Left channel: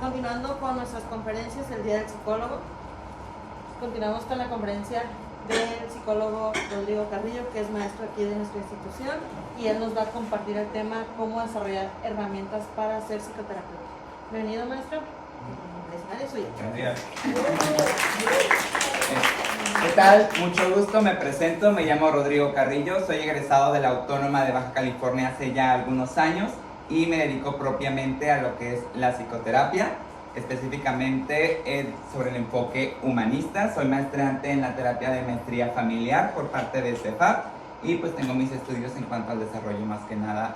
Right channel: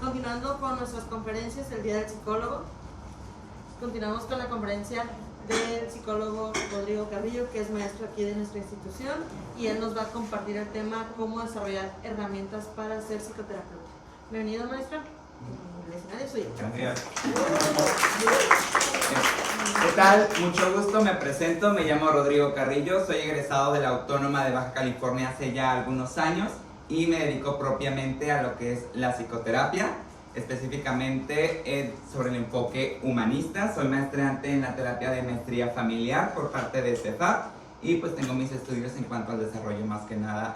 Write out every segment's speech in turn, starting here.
Continuando con nuestras conferencias, el Día del Psicólogo, continuamos con la conferencia del psicólogo Rodrigo Carrillo, que es maestro aquí de nuestra institución, y él nos va a compartir el tema cómo desarrollar herramientas para ser psicoterapeuta. Bienvenido, maestro. El escenario es suyo. Gracias. ¿Qué tal? Mucho gusto, me presento, me llamo Rodrigo Carrillo, soy egresado de la Autónoma de Baja California hace ya algunos años y me dedico propiamente a lo que es la psicoterapia, específicamente sobre el enfoque humanista. Soy maestrante en la terapia de maestría familiar por parte de CEFAP y pues tengo mis estudios en cuanto al desarrollo más que nada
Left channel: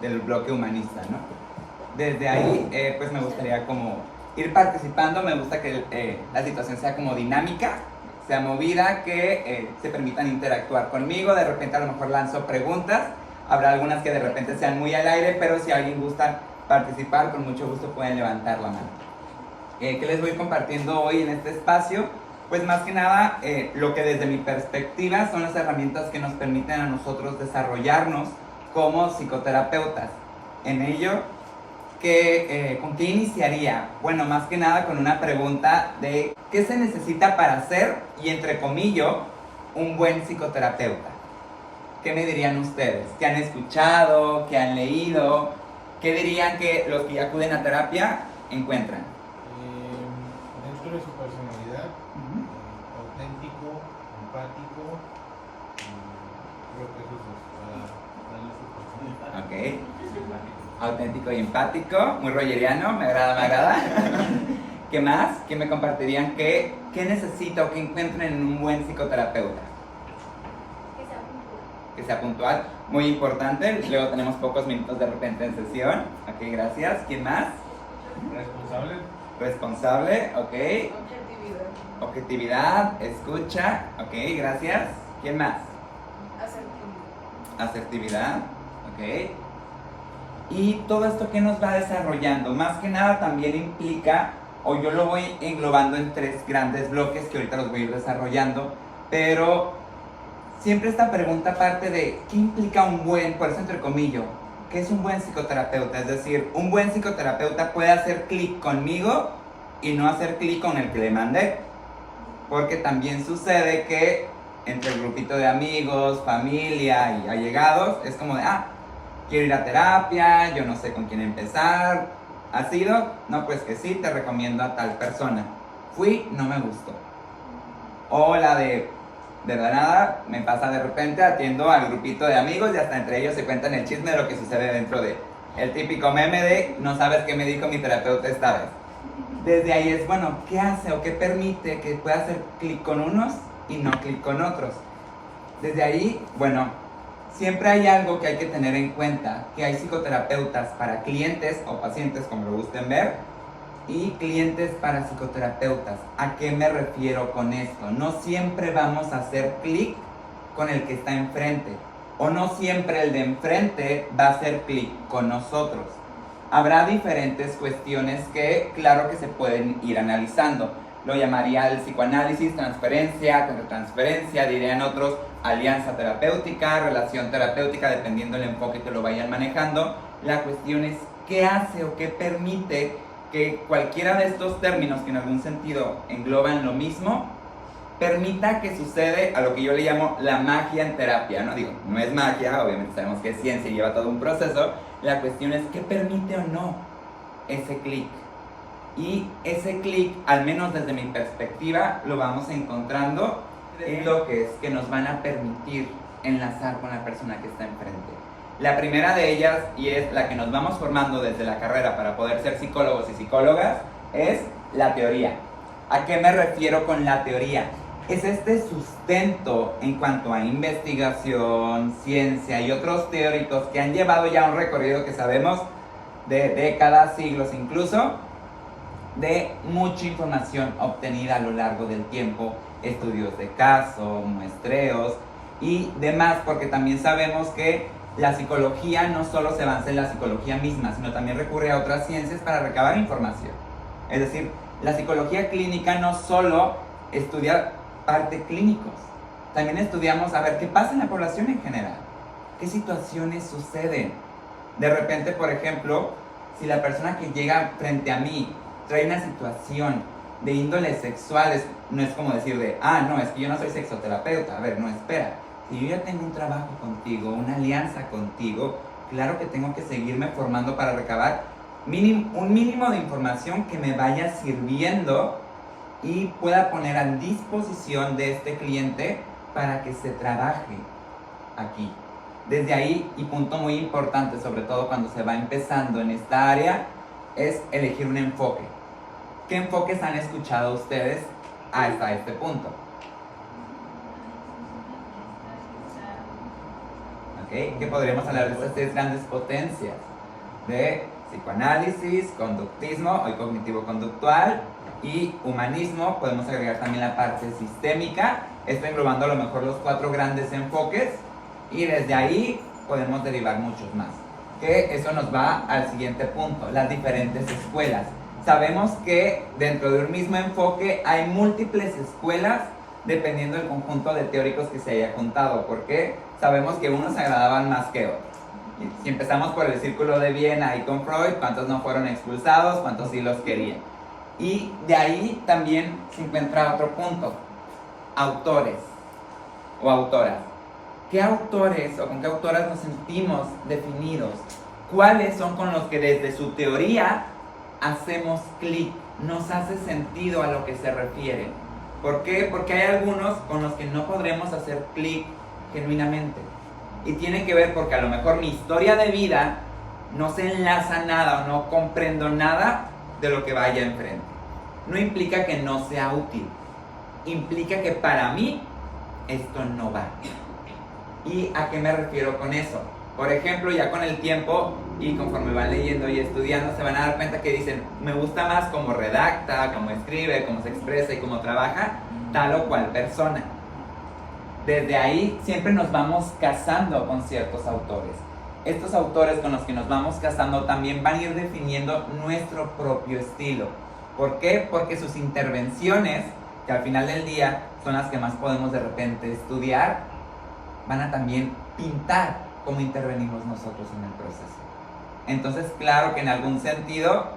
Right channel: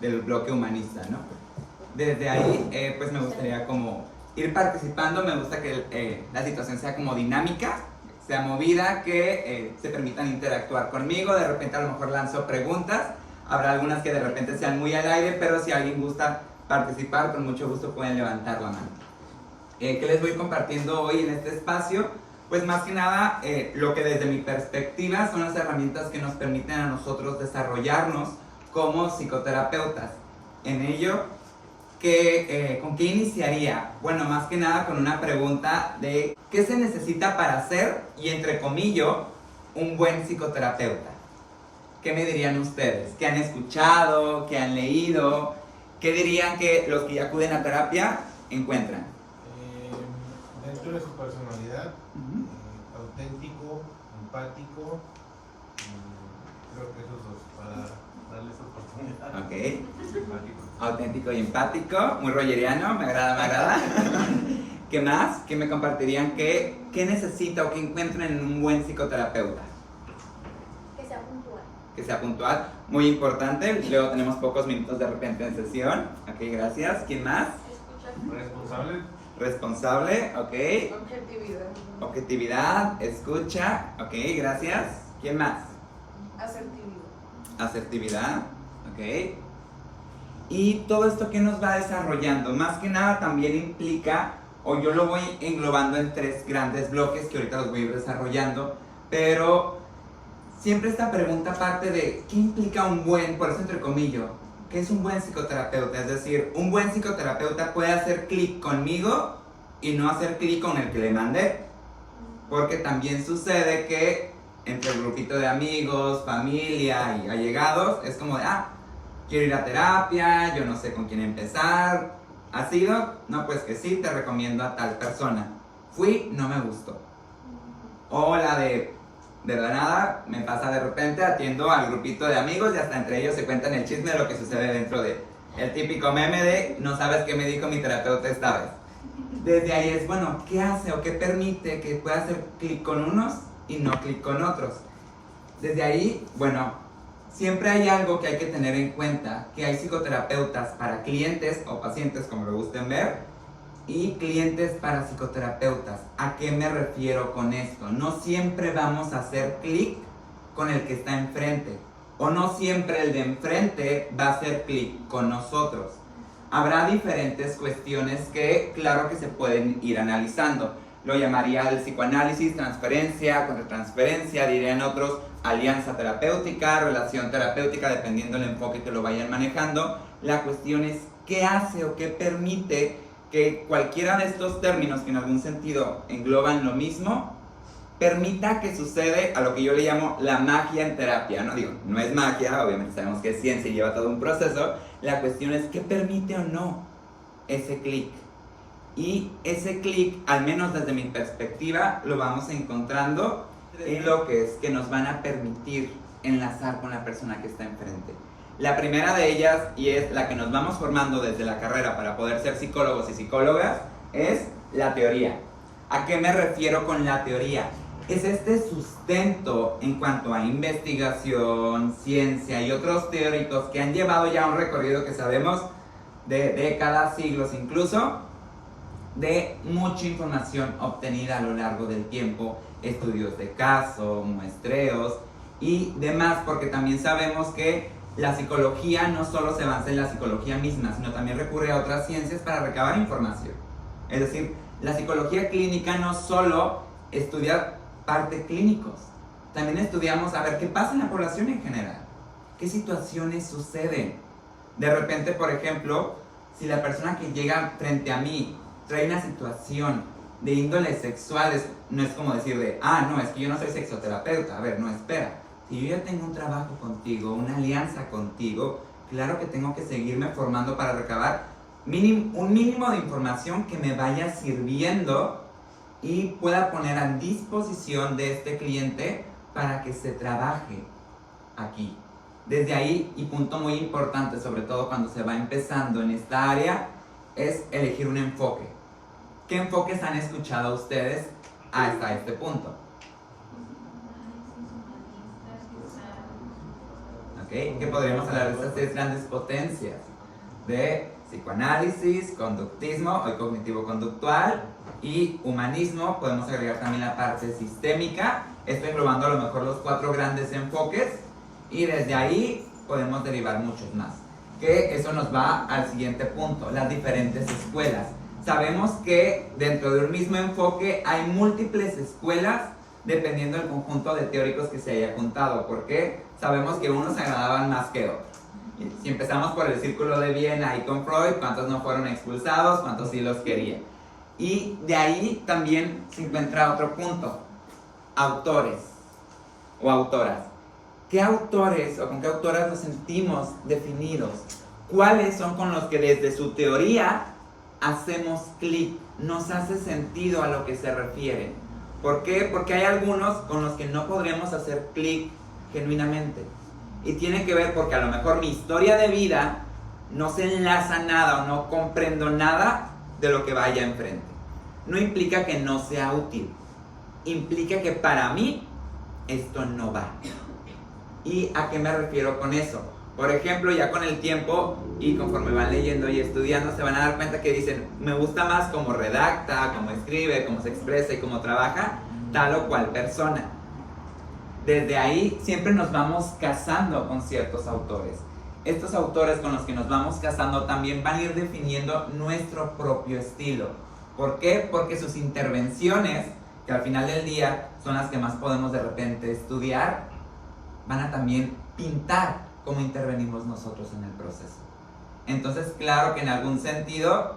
del bloque humanista, ¿no? Desde ahí pues me gustaría como ir participando, me gusta que la situación sea como dinámica, sea movida, que se permitan interactuar conmigo, de repente a lo mejor lanzo preguntas, habrá algunas que de repente sean muy al aire, pero si alguien gusta participar, con mucho gusto pueden levantar la mano. ¿Qué les voy compartiendo hoy en este espacio? Pues más que nada, lo que desde mi perspectiva son las herramientas que nos permiten a nosotros desarrollarnos como psicoterapeutas. En ello, ¿con qué iniciaría? Bueno, más que nada con una pregunta de ¿qué se necesita para ser, y entre comillas, un buen psicoterapeuta? ¿Qué me dirían ustedes? ¿Qué han escuchado? ¿Qué han leído? ¿Qué dirían que los que acuden a terapia encuentran? Dentro de su personalidad, auténtico, empático, creo que esos dos, para darle su personalidad. Ok. Auténtico y empático, muy rogeriano, me agrada. ¿Qué más? ¿Qué me compartirían? ¿Qué necesita o qué encuentran en un buen psicoterapeuta? Que sea puntual. Que sea puntual, muy importante. Luego tenemos pocos minutos de repente en sesión. Ok, gracias. ¿Quién más? Responsable. Responsable, ok. Objetividad. Objetividad, escucha, ok, gracias. ¿Quién más? Asertividad. Asertividad, ok. Y todo esto que nos va desarrollando, más que nada también implica, o yo lo voy englobando en tres grandes bloques que ahorita los voy a ir desarrollando, pero siempre esta pregunta parte de ¿qué implica un buen, por eso entre comillas, qué es un buen psicoterapeuta? Es decir, un buen psicoterapeuta puede hacer clic conmigo y no hacer clic con el que le mandé, porque también sucede que entre el grupito de amigos, familia y allegados, es como de, quiero ir a terapia, yo no sé con quién empezar. ¿Has ido? No, pues que sí, te recomiendo a tal persona. Fui, no me gustó. O la de la nada, me pasa de repente, atiendo al grupito de amigos y hasta entre ellos se cuentan el chisme de lo que sucede dentro de el típico meme de no sabes qué me dijo mi terapeuta esta vez. Desde ahí es, bueno, ¿qué hace o qué permite que pueda hacer clic con unos y no clic con otros? Desde ahí, bueno, siempre hay algo que hay que tener en cuenta, que hay psicoterapeutas para clientes o pacientes, como lo gusten ver, y clientes para psicoterapeutas. ¿A qué me refiero con esto? No siempre vamos a hacer clic con el que está enfrente, o no siempre el de enfrente va a hacer clic con nosotros. Habrá diferentes cuestiones que, claro que se pueden ir analizando. Lo llamaría el psicoanálisis, transferencia, contratransferencia, dirían otros, alianza terapéutica, relación terapéutica, dependiendo del enfoque que lo vayan manejando. La cuestión es qué hace o qué permite que cualquiera de estos términos que en algún sentido engloban lo mismo, permita que sucede a lo que yo le llamo la magia en terapia, ¿no? Digo, no es magia, obviamente sabemos que es ciencia y lleva todo un proceso. La cuestión es qué permite o no ese clic. Y ese clic, al menos desde mi perspectiva, lo vamos encontrando en bloques que nos van a permitir enlazar con la persona que está enfrente. La primera de ellas, y es la que nos vamos formando desde la carrera para poder ser psicólogos y psicólogas, es la teoría. ¿A qué me refiero con la teoría? Es este sustento en cuanto a investigación, ciencia y otros teóricos que han llevado ya un recorrido que sabemos de décadas, siglos incluso, de mucha información obtenida a lo largo del tiempo, estudios de caso, muestreos y demás, porque también sabemos que la psicología no solo se avanza en la psicología misma, sino también recurre a otras ciencias para recabar información. Es decir, la psicología clínica no solo estudia parte clínicos, también estudiamos a ver qué pasa en la población en general, qué situaciones suceden. De repente, por ejemplo, Si la persona que llega frente a mí trae una situación de índole sexual, no es como decir de, no, es que yo no soy sexoterapeuta. A ver, no, espera. Si yo ya tengo un trabajo contigo, una alianza contigo, claro que tengo que seguirme formando para recabar un mínimo de información que me vaya sirviendo y pueda poner a disposición de este cliente para que se trabaje aquí. Desde ahí, y punto muy importante, sobre todo cuando se va empezando en esta área, es elegir un enfoque. ¿Qué enfoques han escuchado ustedes hasta este punto? ¿Okay? ¿Qué podríamos hablar de estas tres grandes potencias? De psicoanálisis, conductismo, hoy cognitivo-conductual, y humanismo. Podemos agregar también la parte sistémica, esto englobando a lo mejor los 4 grandes enfoques, y desde ahí podemos derivar muchos más. Que eso nos va al siguiente punto, las diferentes escuelas. Sabemos que dentro de un mismo enfoque hay múltiples escuelas dependiendo del conjunto de teóricos que se haya juntado, porque sabemos que unos agradaban más que otros. Si empezamos por el círculo de Viena y con Freud, ¿cuántos no fueron expulsados? ¿Cuántos sí los querían? Y de ahí también se encuentra otro punto, autores o autoras. ¿Qué autores o con qué autoras nos sentimos definidos? ¿Cuáles son con los que desde su teoría hacemos clic? Nos hace sentido a lo que se refieren. ¿Por qué? Porque hay algunos con los que no podremos hacer clic genuinamente. Y tiene que ver porque a lo mejor mi historia de vida no se enlaza nada o no comprendo nada de lo que vaya enfrente. No implica que no sea útil. Implica que para mí esto no va. ¿Y a qué me refiero con eso? Por ejemplo, ya con el tiempo y conforme van leyendo y estudiando, se van a dar cuenta que dicen, me gusta más cómo redacta, cómo escribe, cómo se expresa y cómo trabaja tal o cual persona. Desde ahí siempre nos vamos casando con ciertos autores. Estos autores con los que nos vamos casando también van a ir definiendo nuestro propio estilo. ¿Por qué? Porque sus intervenciones, que al final del día son las que más podemos de repente estudiar, van a también pintar cómo intervenimos nosotros en el proceso. Entonces, claro que en algún sentido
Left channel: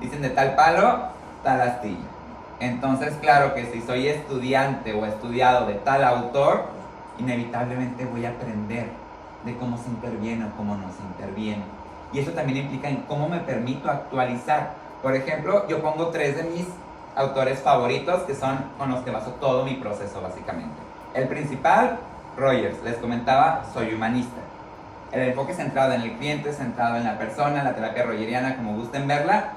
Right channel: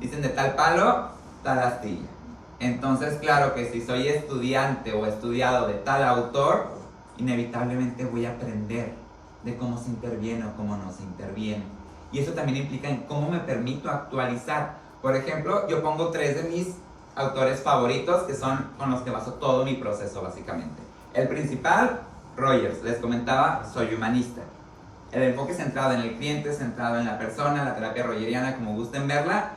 dicen de tal palo, tal astilla. Entonces, claro que si soy estudiante o estudiado de tal autor, inevitablemente voy a aprender de cómo se interviene o cómo no se interviene. Y eso también implica en cómo me permito actualizar. Por ejemplo, yo pongo 3 de mis autores favoritos que son con los que baso todo mi proceso básicamente. El principal, Rogers, les comentaba, soy humanista. El enfoque centrado en el cliente, centrado en la persona, la terapia rogeriana, como gusten verla,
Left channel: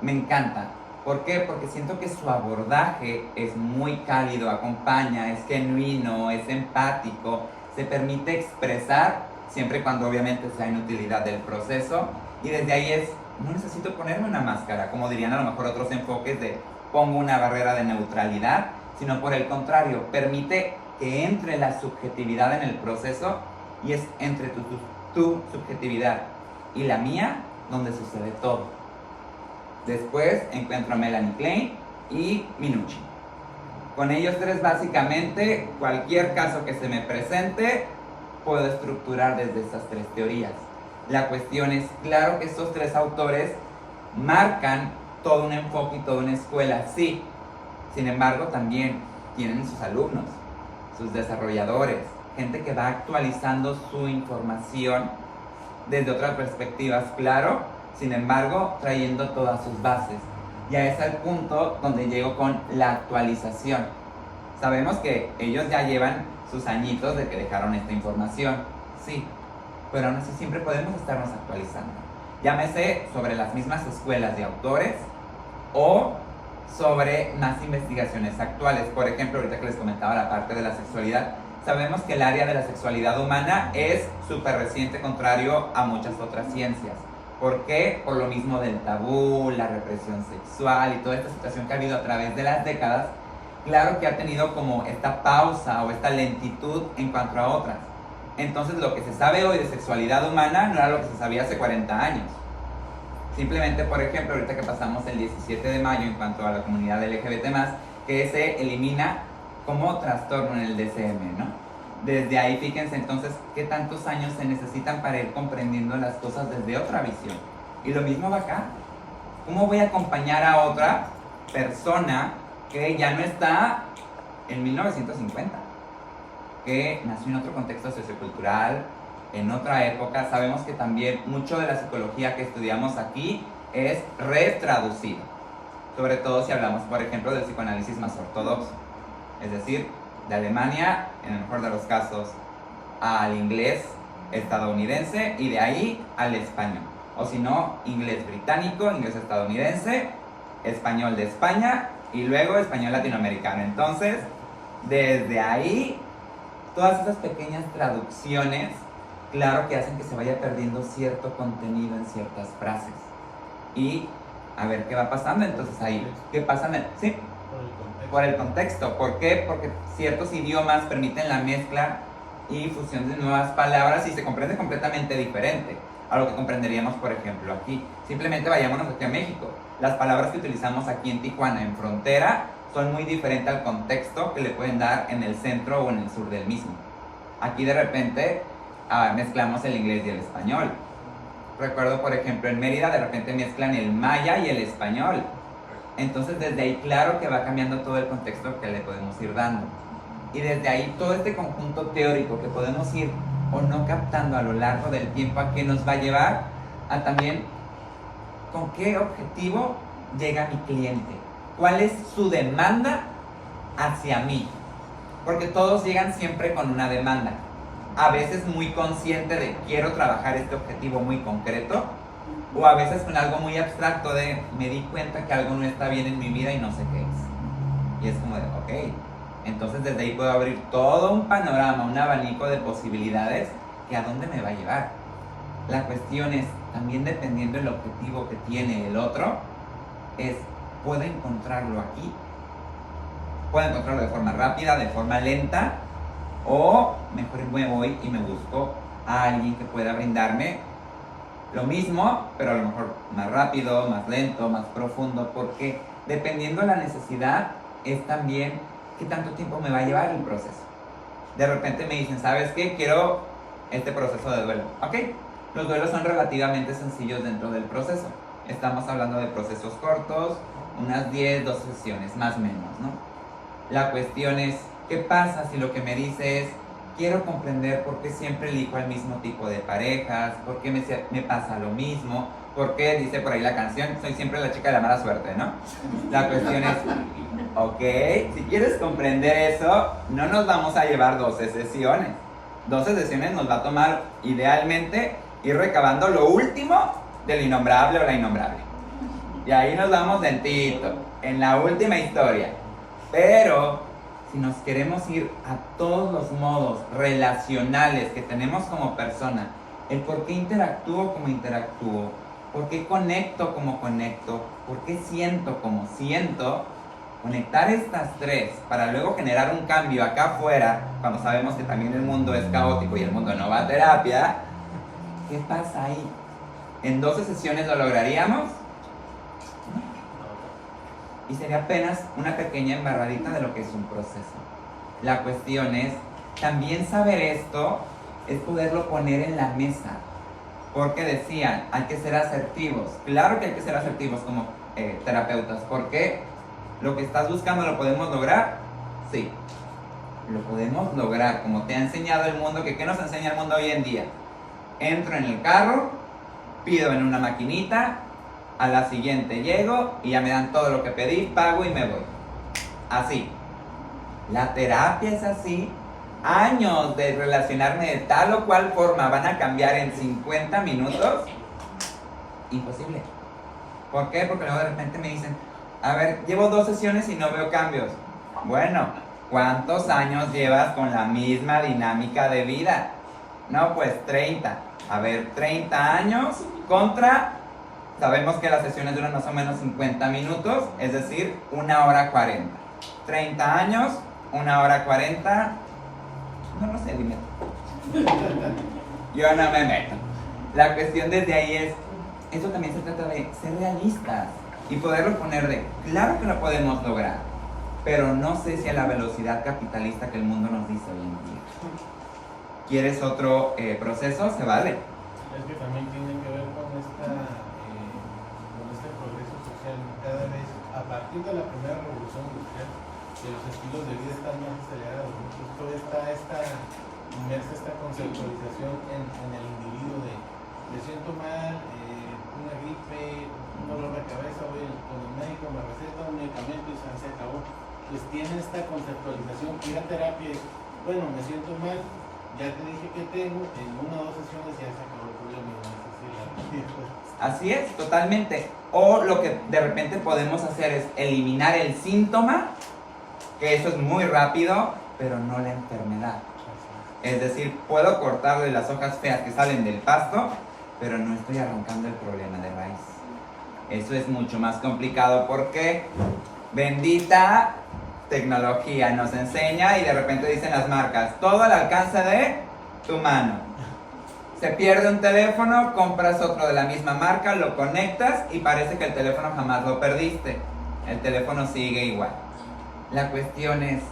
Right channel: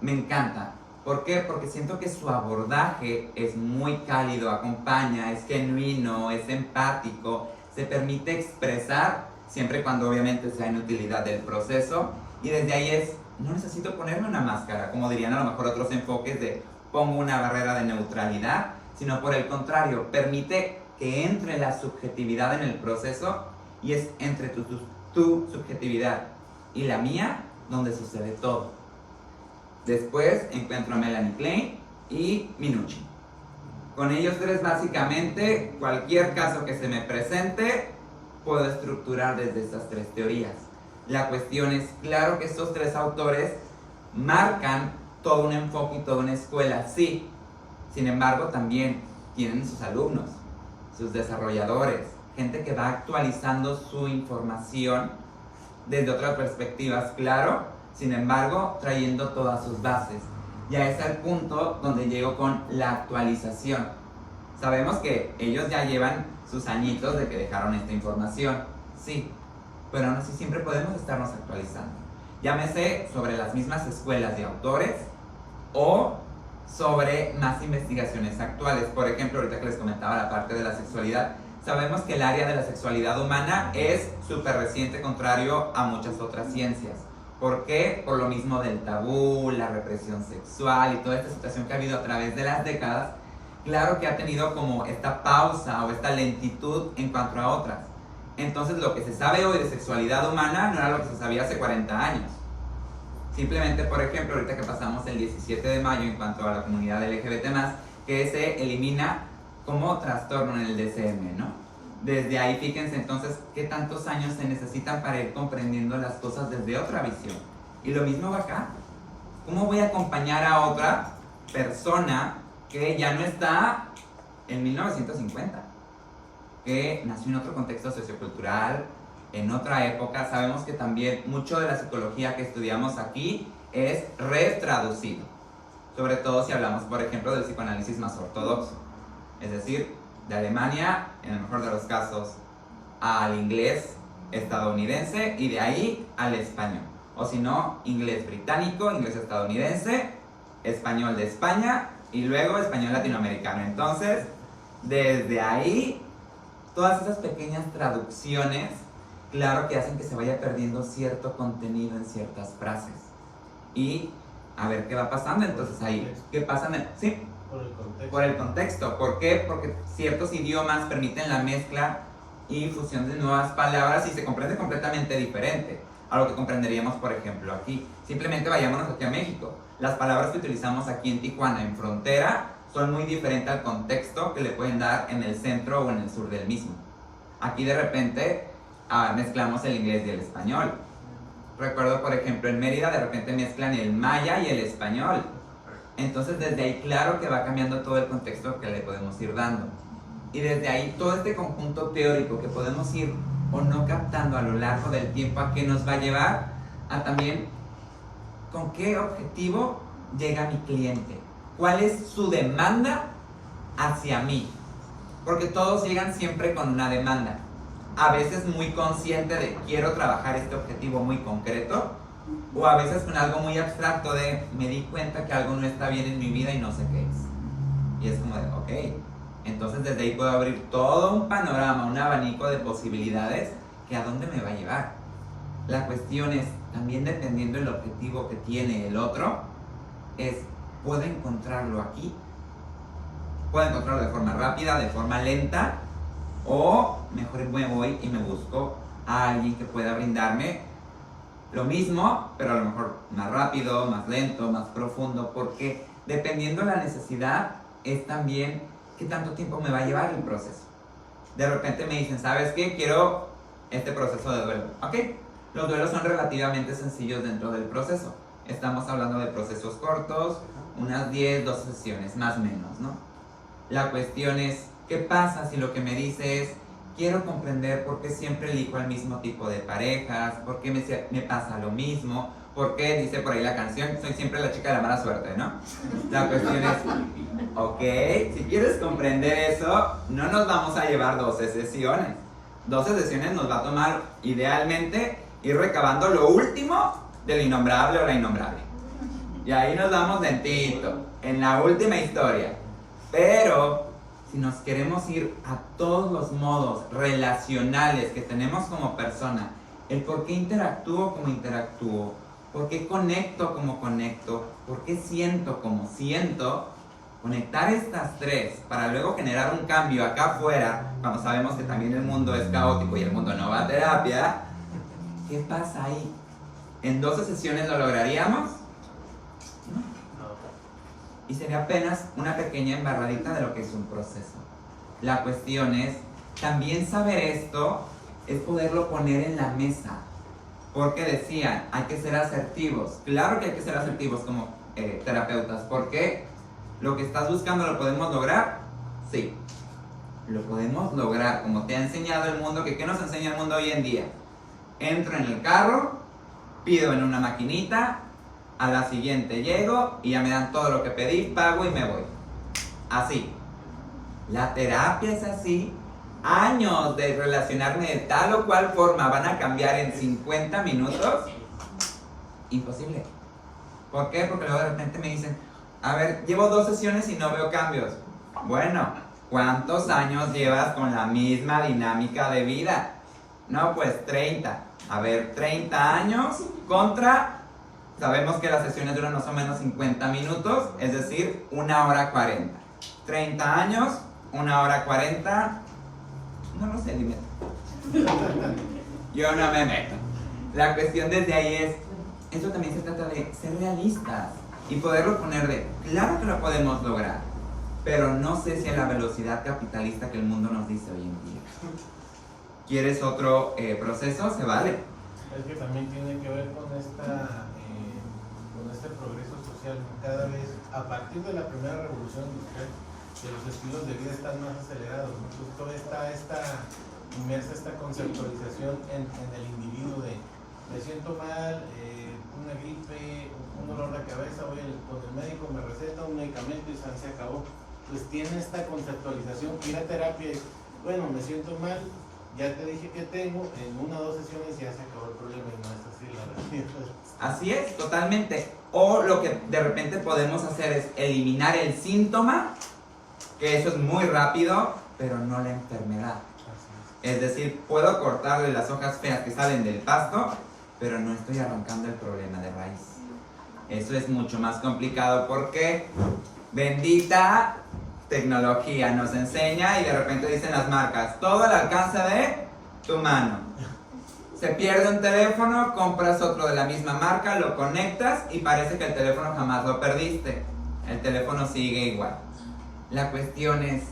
me encanta. ¿Por qué? Porque siento que su abordaje es muy cálido, acompaña, es genuino, es empático, se permite expresar, siempre y cuando obviamente sea en utilidad del proceso, y desde ahí es, no necesito ponerme una máscara, como dirían a lo mejor otros enfoques de pongo una barrera de neutralidad, sino por el contrario, permite que entre la subjetividad en el proceso y es entre tu subjetividad y la mía donde sucede todo. Después encuentro a Melanie Klein y Minuchin. Con ellos 3 básicamente, cualquier caso que se me presente, puedo estructurar desde estas 3 teorías. La cuestión es, claro que estos 3 autores marcan todo un enfoque y toda una escuela, sí. Sin embargo, también tienen sus alumnos, sus desarrolladores, gente que va actualizando su información desde otras perspectivas, claro, sin embargo, trayendo todas sus bases. Ya es el punto donde llego con la actualización. Sabemos que ellos ya llevan sus añitos de que dejaron esta información, sí, pero aún así siempre podemos estarnos actualizando. Llámese sobre las mismas escuelas de autores o sobre más investigaciones actuales. Por ejemplo, ahorita que les comentaba la parte de la sexualidad, sabemos que el área de la sexualidad humana es súper reciente, contrario a muchas otras ciencias. ¿Por qué? Por lo mismo del tabú, la represión sexual y toda esta situación que ha habido a través de las décadas, claro que ha tenido como esta pausa o esta lentitud en cuanto a otras. Entonces lo que se sabe hoy de sexualidad humana no era lo que se sabía hace 40 años. Simplemente, por ejemplo, ahorita que pasamos el 17 de mayo en cuanto a la comunidad LGBT+, que se elimina como trastorno en el DSM, ¿no? Desde ahí, fíjense entonces qué tantos años se necesitan para ir comprendiendo las cosas desde otra visión. Y lo mismo va acá. ¿Cómo voy a acompañar a otra persona que ya no está en 1950? Que nació en otro contexto sociocultural, en otra época. Sabemos que también mucho de la psicología que estudiamos aquí es retraducido. Sobre todo si hablamos, por ejemplo, del psicoanálisis más ortodoxo. Es decir, de Alemania, en el mejor de los casos, al inglés estadounidense y de ahí al español. O si no, inglés británico, inglés estadounidense, español de España y luego español latinoamericano. Entonces, desde ahí, todas esas pequeñas traducciones, claro que hacen que se vaya perdiendo cierto contenido en ciertas frases. Y a ver qué va pasando. Entonces ahí, ¿qué pasa? ¿Sí? Por el contexto. Por el contexto. ¿Por qué? Porque ciertos idiomas permiten la mezcla y fusión de nuevas palabras y se comprende completamente diferente a lo que comprenderíamos, por ejemplo, aquí. Simplemente vayámonos aquí a México. Las palabras que utilizamos aquí en Tijuana, en frontera, son muy diferentes al contexto que le pueden dar en el centro o en el sur del mismo. Aquí de repente mezclamos el inglés y el español. Recuerdo, por ejemplo, en Mérida de repente mezclan el maya y el español. Entonces desde ahí claro que va cambiando todo el contexto que le podemos ir dando. Y desde ahí todo este conjunto teórico que podemos ir o no captando a lo largo del tiempo, ¿a qué nos va a llevar? A también con qué objetivo llega mi cliente. ¿Cuál es su demanda hacia mí? Porque todos llegan siempre con una demanda. A veces muy consciente de quiero trabajar este objetivo muy concreto, o a veces con algo muy abstracto de me di cuenta que algo no está bien en mi vida y no sé qué es. Y es como de, ok, entonces desde ahí puedo abrir todo un panorama, un abanico de posibilidades que a dónde me va a llevar. La cuestión es, también dependiendo del objetivo que tiene el otro, es, ¿puedo encontrarlo aquí? ¿Puedo encontrarlo de forma rápida, de forma lenta? O mejor me voy y me busco a alguien que pueda brindarme lo mismo, pero a lo mejor más rápido, más lento, más profundo, porque dependiendo de la necesidad es también qué tanto tiempo me va a llevar el proceso. De repente me dicen, ¿sabes qué? Quiero este proceso de duelo. Ok, los duelos son relativamente sencillos dentro del proceso. Estamos hablando de procesos cortos, unas 10, 12 sesiones, más o menos, ¿no? La cuestión es, ¿qué pasa si lo que me dice es, quiero comprender por qué siempre elijo al mismo tipo de parejas, por qué me pasa lo mismo, por qué, dice por ahí la canción, soy siempre la chica de la mala suerte, ¿no? La cuestión es, ok, si quieres comprender eso, no nos vamos a llevar 12 sesiones. 12 sesiones nos va a tomar, idealmente, ir recabando lo último del innombrable o la innombrable. Y ahí nos damos lentito, en la última historia. Pero si nos queremos ir a todos los modos relacionales que tenemos como persona, el por qué interactúo como interactúo, por qué conecto como conecto, por qué siento como siento, conectar estas tres para luego generar un cambio acá afuera, cuando sabemos que también el mundo es caótico y el mundo no va a terapia, ¿qué pasa ahí? ¿En 12 sesiones lo lograríamos? Y sería apenas una pequeña embarradita de lo que es un proceso. La cuestión es, también saber esto es poderlo poner en la mesa. Porque decían, hay que ser asertivos. Claro que hay que ser asertivos como terapeutas. ¿Por qué? ¿Lo que estás buscando lo podemos lograr? Sí. Lo podemos lograr. Como te ha enseñado el mundo, que ¿qué nos enseña el mundo hoy en día? Entro en el carro, pido en una maquinita, a la siguiente llego y ya me dan todo lo que pedí, pago y me voy. Así. La terapia es así. Años de relacionarme de tal o cual forma van a cambiar en 50 minutos. Imposible. ¿Por qué? Porque luego de repente me dicen, a ver, llevo 2 sesiones y no veo cambios. Bueno, ¿cuántos años llevas con la misma dinámica de vida? No, pues 30. A ver, 30 años contra... Sabemos que las sesiones duran más o menos 50 minutos, es decir, 1 hora 40. 30 años, 1 hora 40. No lo sé, dime. Yo no me meto. La cuestión desde ahí es, esto también se trata de ser realistas y poderlo poner de, claro que lo podemos lograr, pero no sé si a la velocidad capitalista que el mundo nos dice hoy en día. ¿Quieres otro proceso? Se vale. Es que también tiene que ver con esta este progreso social, cada vez, a partir de la primera revolución industrial, que los estilos de vida están más acelerados, ¿no? Pues toda está inmersa esta conceptualización en el individuo de me siento mal, una gripe, un dolor de cabeza, voy con el médico, me receta un medicamento y se acabó. Pues tiene esta conceptualización, y la terapia es, bueno, me siento mal, ya te dije que tengo, en 1 o 2 sesiones ya se acabó el problema, no es así la realidad. Así es, totalmente. O lo que de repente podemos hacer es eliminar el síntoma, que eso es muy rápido, pero no la enfermedad. Es decir, puedo cortarle las hojas feas que salen del pasto, pero no estoy arrancando el problema de raíz. Eso es mucho más complicado porque bendita tecnología nos enseña y de repente dicen las marcas, todo al alcance de tu mano. Se pierde un teléfono, compras otro de la misma marca, lo conectas y parece que el teléfono jamás lo perdiste. El teléfono sigue igual. La cuestión es,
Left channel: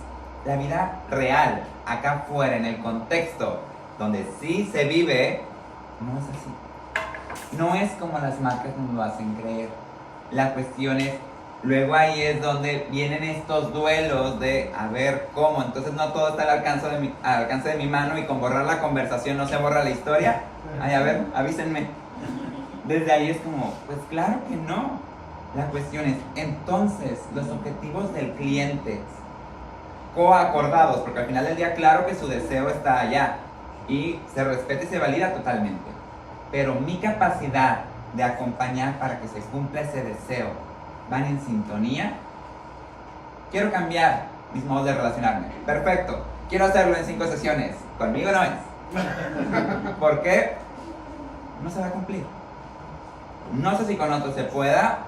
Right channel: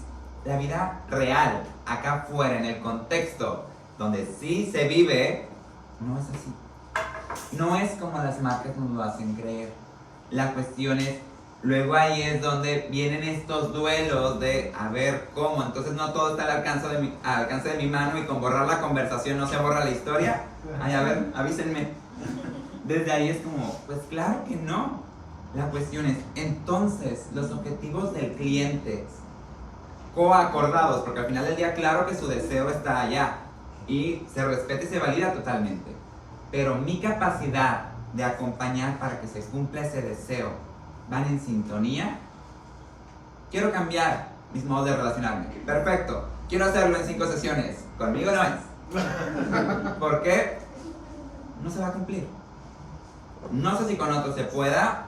la vida real, acá afuera, en el contexto donde sí se vive, no es así. No es como las marcas nos lo hacen creer. La cuestión es, luego ahí es donde vienen estos duelos de a ver cómo, entonces no todo está al alcance de mi mano y con borrar la conversación no se borra la historia. Ay, a ver, avísenme. Desde ahí es como, pues claro que no. La cuestión es, entonces, los objetivos del cliente coacordados, porque al final del día claro que su deseo está allá y se respeta y se valida totalmente, pero mi capacidad de acompañar para que se cumpla ese deseo van en sintonía. Quiero cambiar mis modos de relacionarme, perfecto, quiero hacerlo en 5 sesiones, conmigo no es. ¿Por qué? No se va a cumplir. No sé si con otros se pueda.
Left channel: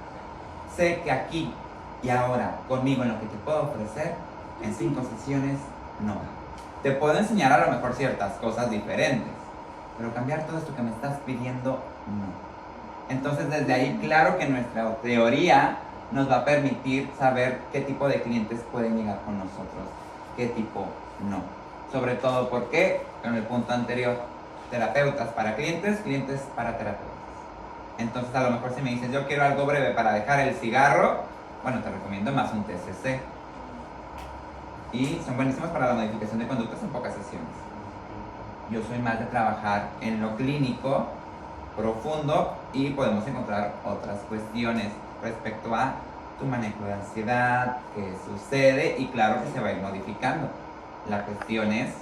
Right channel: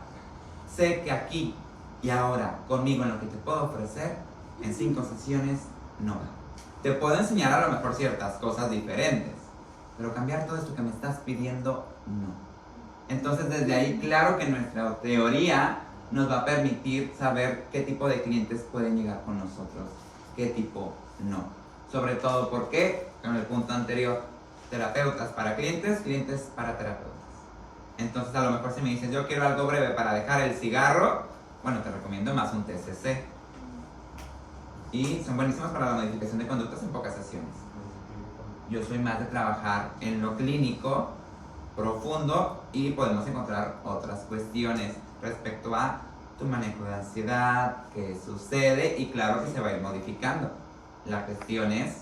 Sé que aquí y ahora, conmigo en lo que te puedo ofrecer, en 5 sesiones no va. Te puedo enseñar a lo mejor ciertas cosas diferentes, pero cambiar todo esto que me estás pidiendo, no. Entonces desde ahí, claro que nuestra teoría nos va a permitir saber qué tipo de clientes pueden llegar con nosotros, qué tipo no. Sobre todo porque, en el punto anterior, terapeutas para clientes, clientes para terapeutas. Entonces a lo mejor si me dices, yo quiero algo breve para dejar el cigarro, bueno, te recomiendo más un TCC. Y son buenísimos para la modificación de conductas en pocas sesiones. Yo soy más de trabajar en lo clínico, profundo, y podemos encontrar otras cuestiones respecto a tu manejo de ansiedad, qué sucede, y claro que se va a ir modificando. La cuestión es,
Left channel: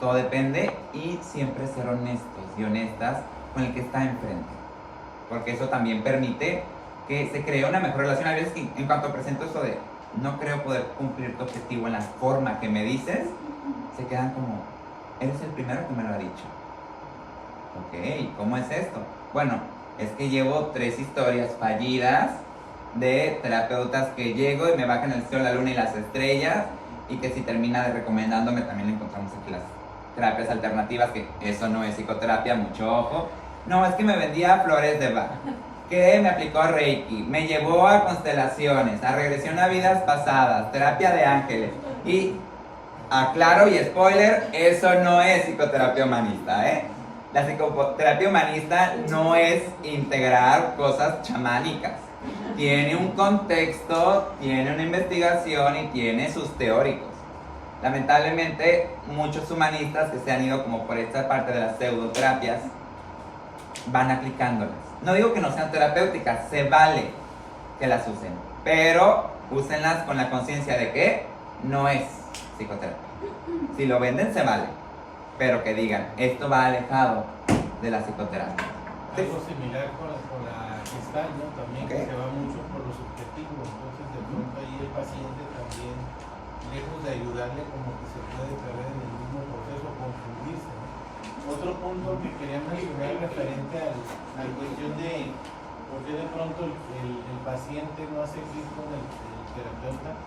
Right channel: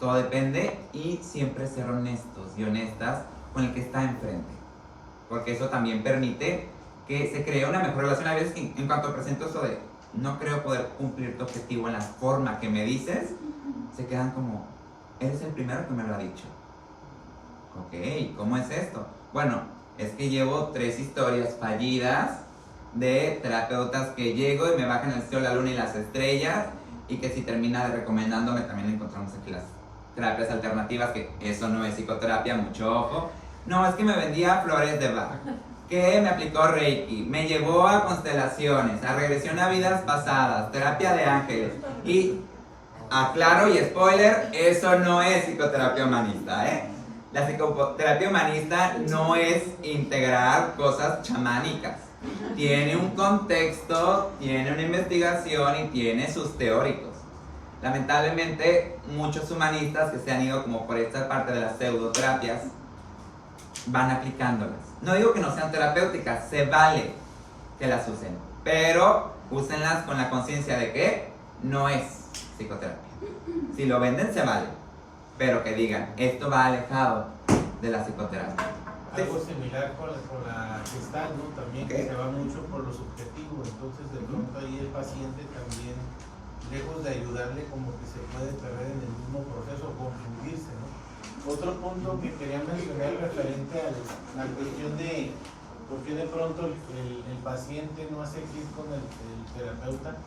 todo depende, y siempre ser honestos y honestas con el que está enfrente, porque eso también permite que se cree una mejor relación. A veces que en cuanto presento eso de no creo poder cumplir tu objetivo en la forma que me dices, se quedan como, eres el primero que me lo ha dicho. Ok, ¿cómo es esto? Bueno, es que llevo 3 historias fallidas de terapeutas que llego y me bajan el cielo, la luna y las estrellas, y que si termina de recomendándome, también encontramos aquí las terapias alternativas, que eso no es psicoterapia, mucho ojo. No, es que me vendía flores de Bach, que me aplicó Reiki, me llevó a constelaciones, a regresión a vidas pasadas, terapia de ángeles. Y aclaro y spoiler, eso no es psicoterapia humanista, ¿eh? La psicoterapia humanista no es integrar cosas chamánicas. Tiene un contexto, tiene una investigación y tiene sus teóricos. Lamentablemente, muchos humanistas que se han ido como por esta parte de las pseudoterapias van aplicándolas. No digo que no sean terapéuticas, se vale que las usen, pero úsenlas con la conciencia de que no es psicoterapia. Si lo venden, se vale, pero que digan, esto va alejado de la psicoterapia. Algo similar con la Gestalt, ¿no? También que se va mucho por lo subjetivo, entonces de pronto ahí el paciente también, lejos de ayudarle, como que se puede perder en el mismo proceso, confundirse, ¿no? Otro punto que quería mencionar referente a la cuestión de por qué de pronto el paciente no hace clic con el terapeuta.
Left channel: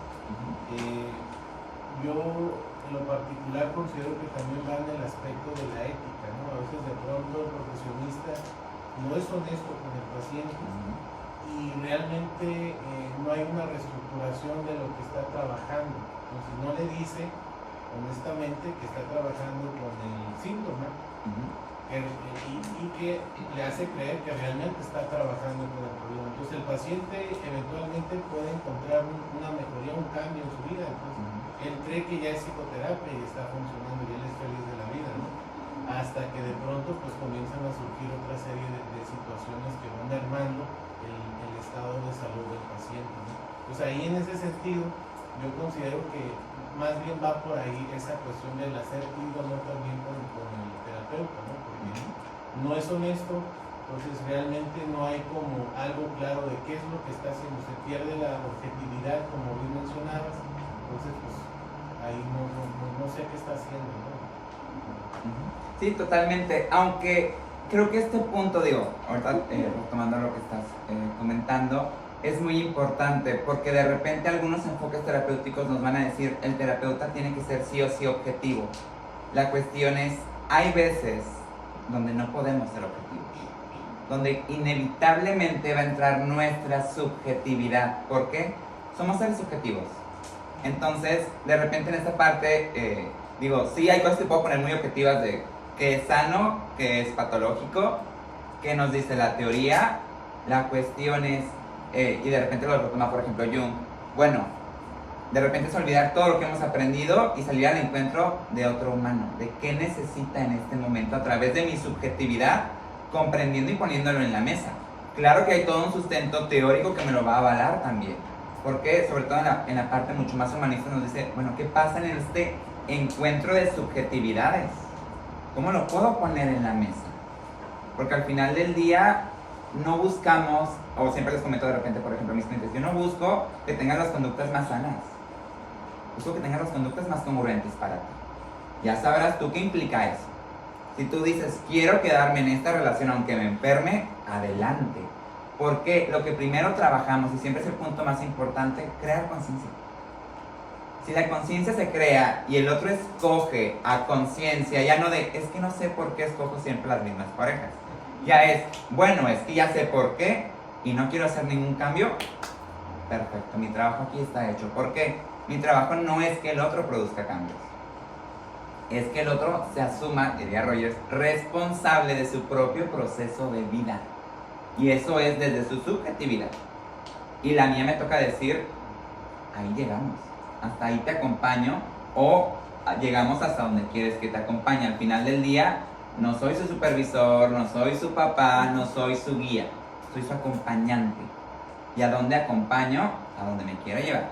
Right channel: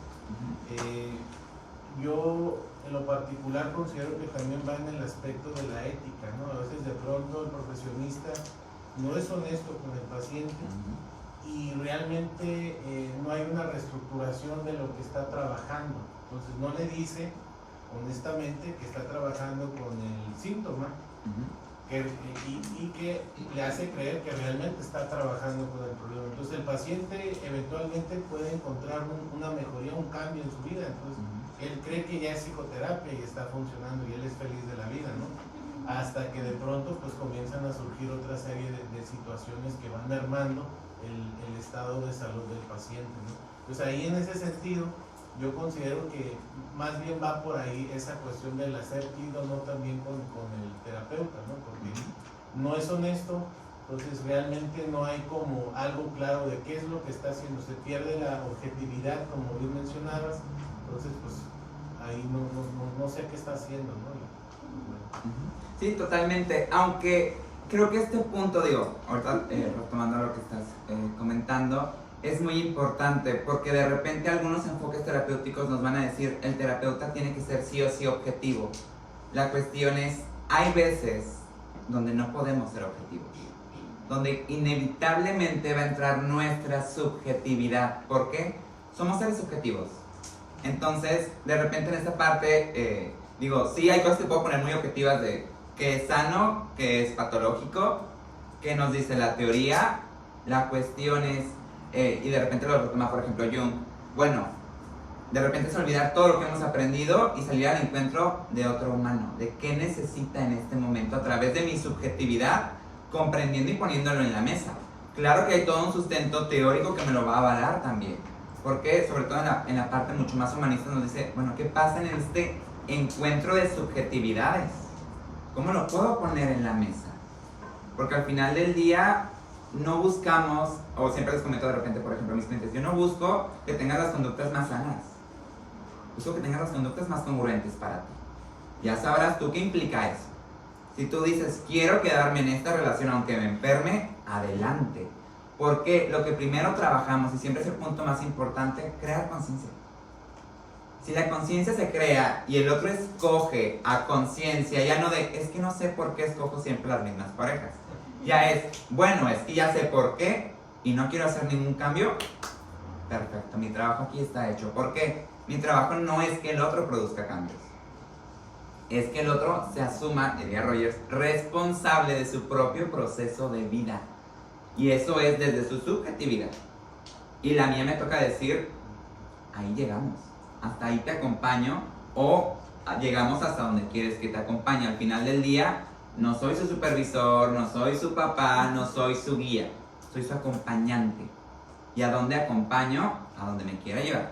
Yo en lo particular considero que también va en el aspecto de la ética, ¿no? A veces de pronto el profesionista no es honesto con el paciente y realmente no hay una reestructuración de lo que está trabajando. Entonces no le dice honestamente que está trabajando con el síntoma, y que le hace creer que realmente está trabajando con el problema. Entonces el paciente eventualmente puede encontrar una mejoría, un cambio en su vida. Entonces él cree que ya es psicoterapia y está funcionando y él es feliz de la vida, ¿no? Hasta que de pronto pues comienzan a surgir otra serie de situaciones que van mermando el estado de salud del paciente, ¿no? Pues ahí en ese sentido yo considero que más bien va por ahí esa cuestión del hacer clic o no también con el terapeuta, ¿no? Porque no es honesto, entonces realmente no hay como algo claro de qué es lo que está haciendo, se pierde la objetividad como bien mencionabas, entonces pues ahí no sé qué está haciendo, ¿no? Sí, totalmente, aunque creo que este punto, digo, ahorita retomando lo que estás comentando, es muy importante porque de repente algunos enfoques terapéuticos nos van a decir el terapeuta tiene que ser sí o sí objetivo. La cuestión es, hay veces donde no podemos ser objetivos, donde inevitablemente va a entrar nuestra subjetividad. ¿Por qué? Somos seres subjetivos. Entonces, de repente en esta parte, digo, sí hay cosas que puedo poner muy objetivas de qué es sano, qué es patológico, qué nos dice la teoría. La cuestión es, y de repente lo retoma por ejemplo Jung, bueno, de repente es olvidar todo lo que hemos aprendido y salir al encuentro de otro humano, de qué necesita en este momento a través de mi subjetividad, comprendiendo y poniéndolo en la mesa. Claro que hay todo un sustento teórico que me lo va a avalar también, porque sobre todo en la parte mucho más humanista nos dice, bueno, ¿qué pasa en este encuentro de subjetividades? ¿Cómo lo puedo poner en la mesa? Porque al final del día no buscamos, o siempre les comento de repente, por ejemplo, a mis clientes, yo no busco que tengan las conductas más sanas, busco que tengan las conductas más congruentes para ti. Ya sabrás tú qué implica eso. Si tú dices, quiero quedarme en esta relación aunque me enferme, adelante. Porque lo que primero trabajamos, y siempre es el punto más importante, crear conciencia. Si la conciencia se crea y el otro escoge a conciencia, ya no de, es que no sé por qué escojo siempre las mismas parejas. Ya es, bueno, es que ya sé por qué y no quiero hacer ningún cambio. Perfecto, mi trabajo aquí está hecho. ¿Por qué? Mi trabajo no es que el otro produzca cambios. Es que el otro se asuma, diría Rogers, responsable de su propio proceso de vida. Y eso es desde su subjetividad. Y la mía me toca decir, ahí llegamos. Hasta ahí te acompaño o llegamos hasta donde quieres que te acompañe. Al final del día, no soy su supervisor, no soy su papá, no soy su guía, soy su acompañante. ¿Y a dónde acompaño? A donde me quiera llevar.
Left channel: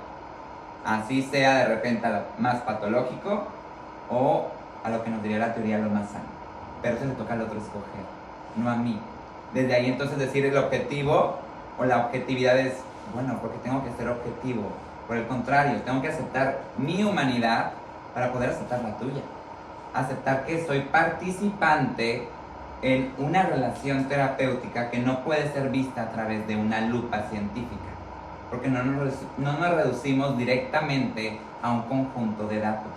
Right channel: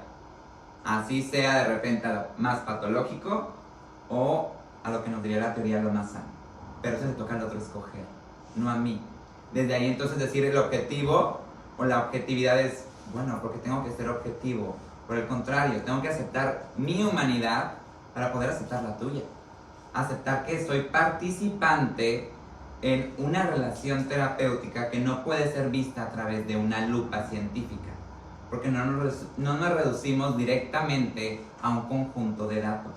Así sea de repente a lo más patológico o a lo que nos diría la teoría lo más sano. Pero eso le toca al otro escoger, no a mí. Desde ahí entonces decir el objetivo o la objetividad es, bueno, porque tengo que ser objetivo. Por el contrario, tengo que aceptar mi humanidad para poder aceptar la tuya. Aceptar que soy participante en una relación terapéutica que no puede ser vista a través de una lupa científica, porque no nos reducimos directamente a un conjunto de datos.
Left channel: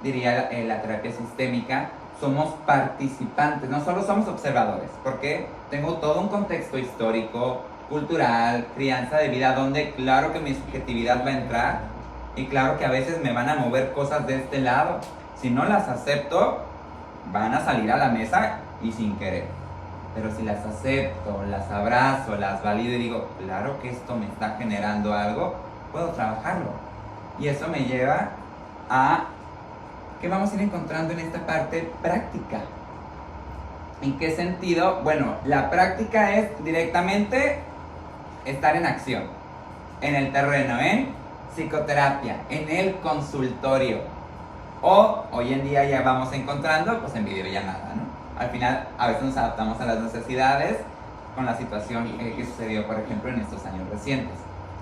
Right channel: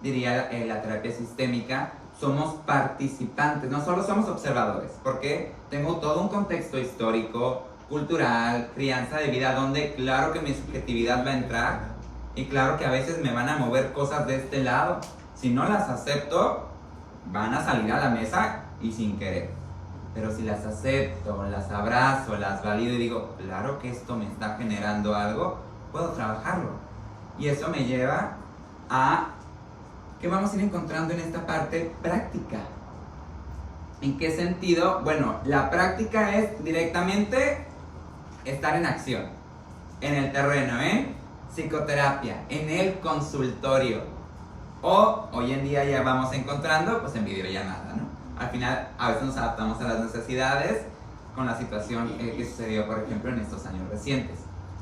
Diría la terapia sistémica, somos participantes, no solo somos observadores, porque tengo todo un contexto histórico, cultural, crianza de vida, donde claro que mi subjetividad va a entrar y claro que a veces me van a mover cosas de este lado. Si no las acepto, van a salir a la mesa y sin querer. Pero si las acepto, las abrazo, las valido y digo, claro que esto me está generando algo, puedo trabajarlo. Y eso me lleva a que vamos a ir encontrando en esta parte práctica. ¿En qué sentido? Bueno, la práctica es directamente estar en acción, en el terreno, en psicoterapia, en el consultorio. O hoy en día ya vamos encontrando pues en videollamada, ¿no? Al final a veces nos adaptamos a las necesidades con la situación que sucedió, por ejemplo, en estos años recientes.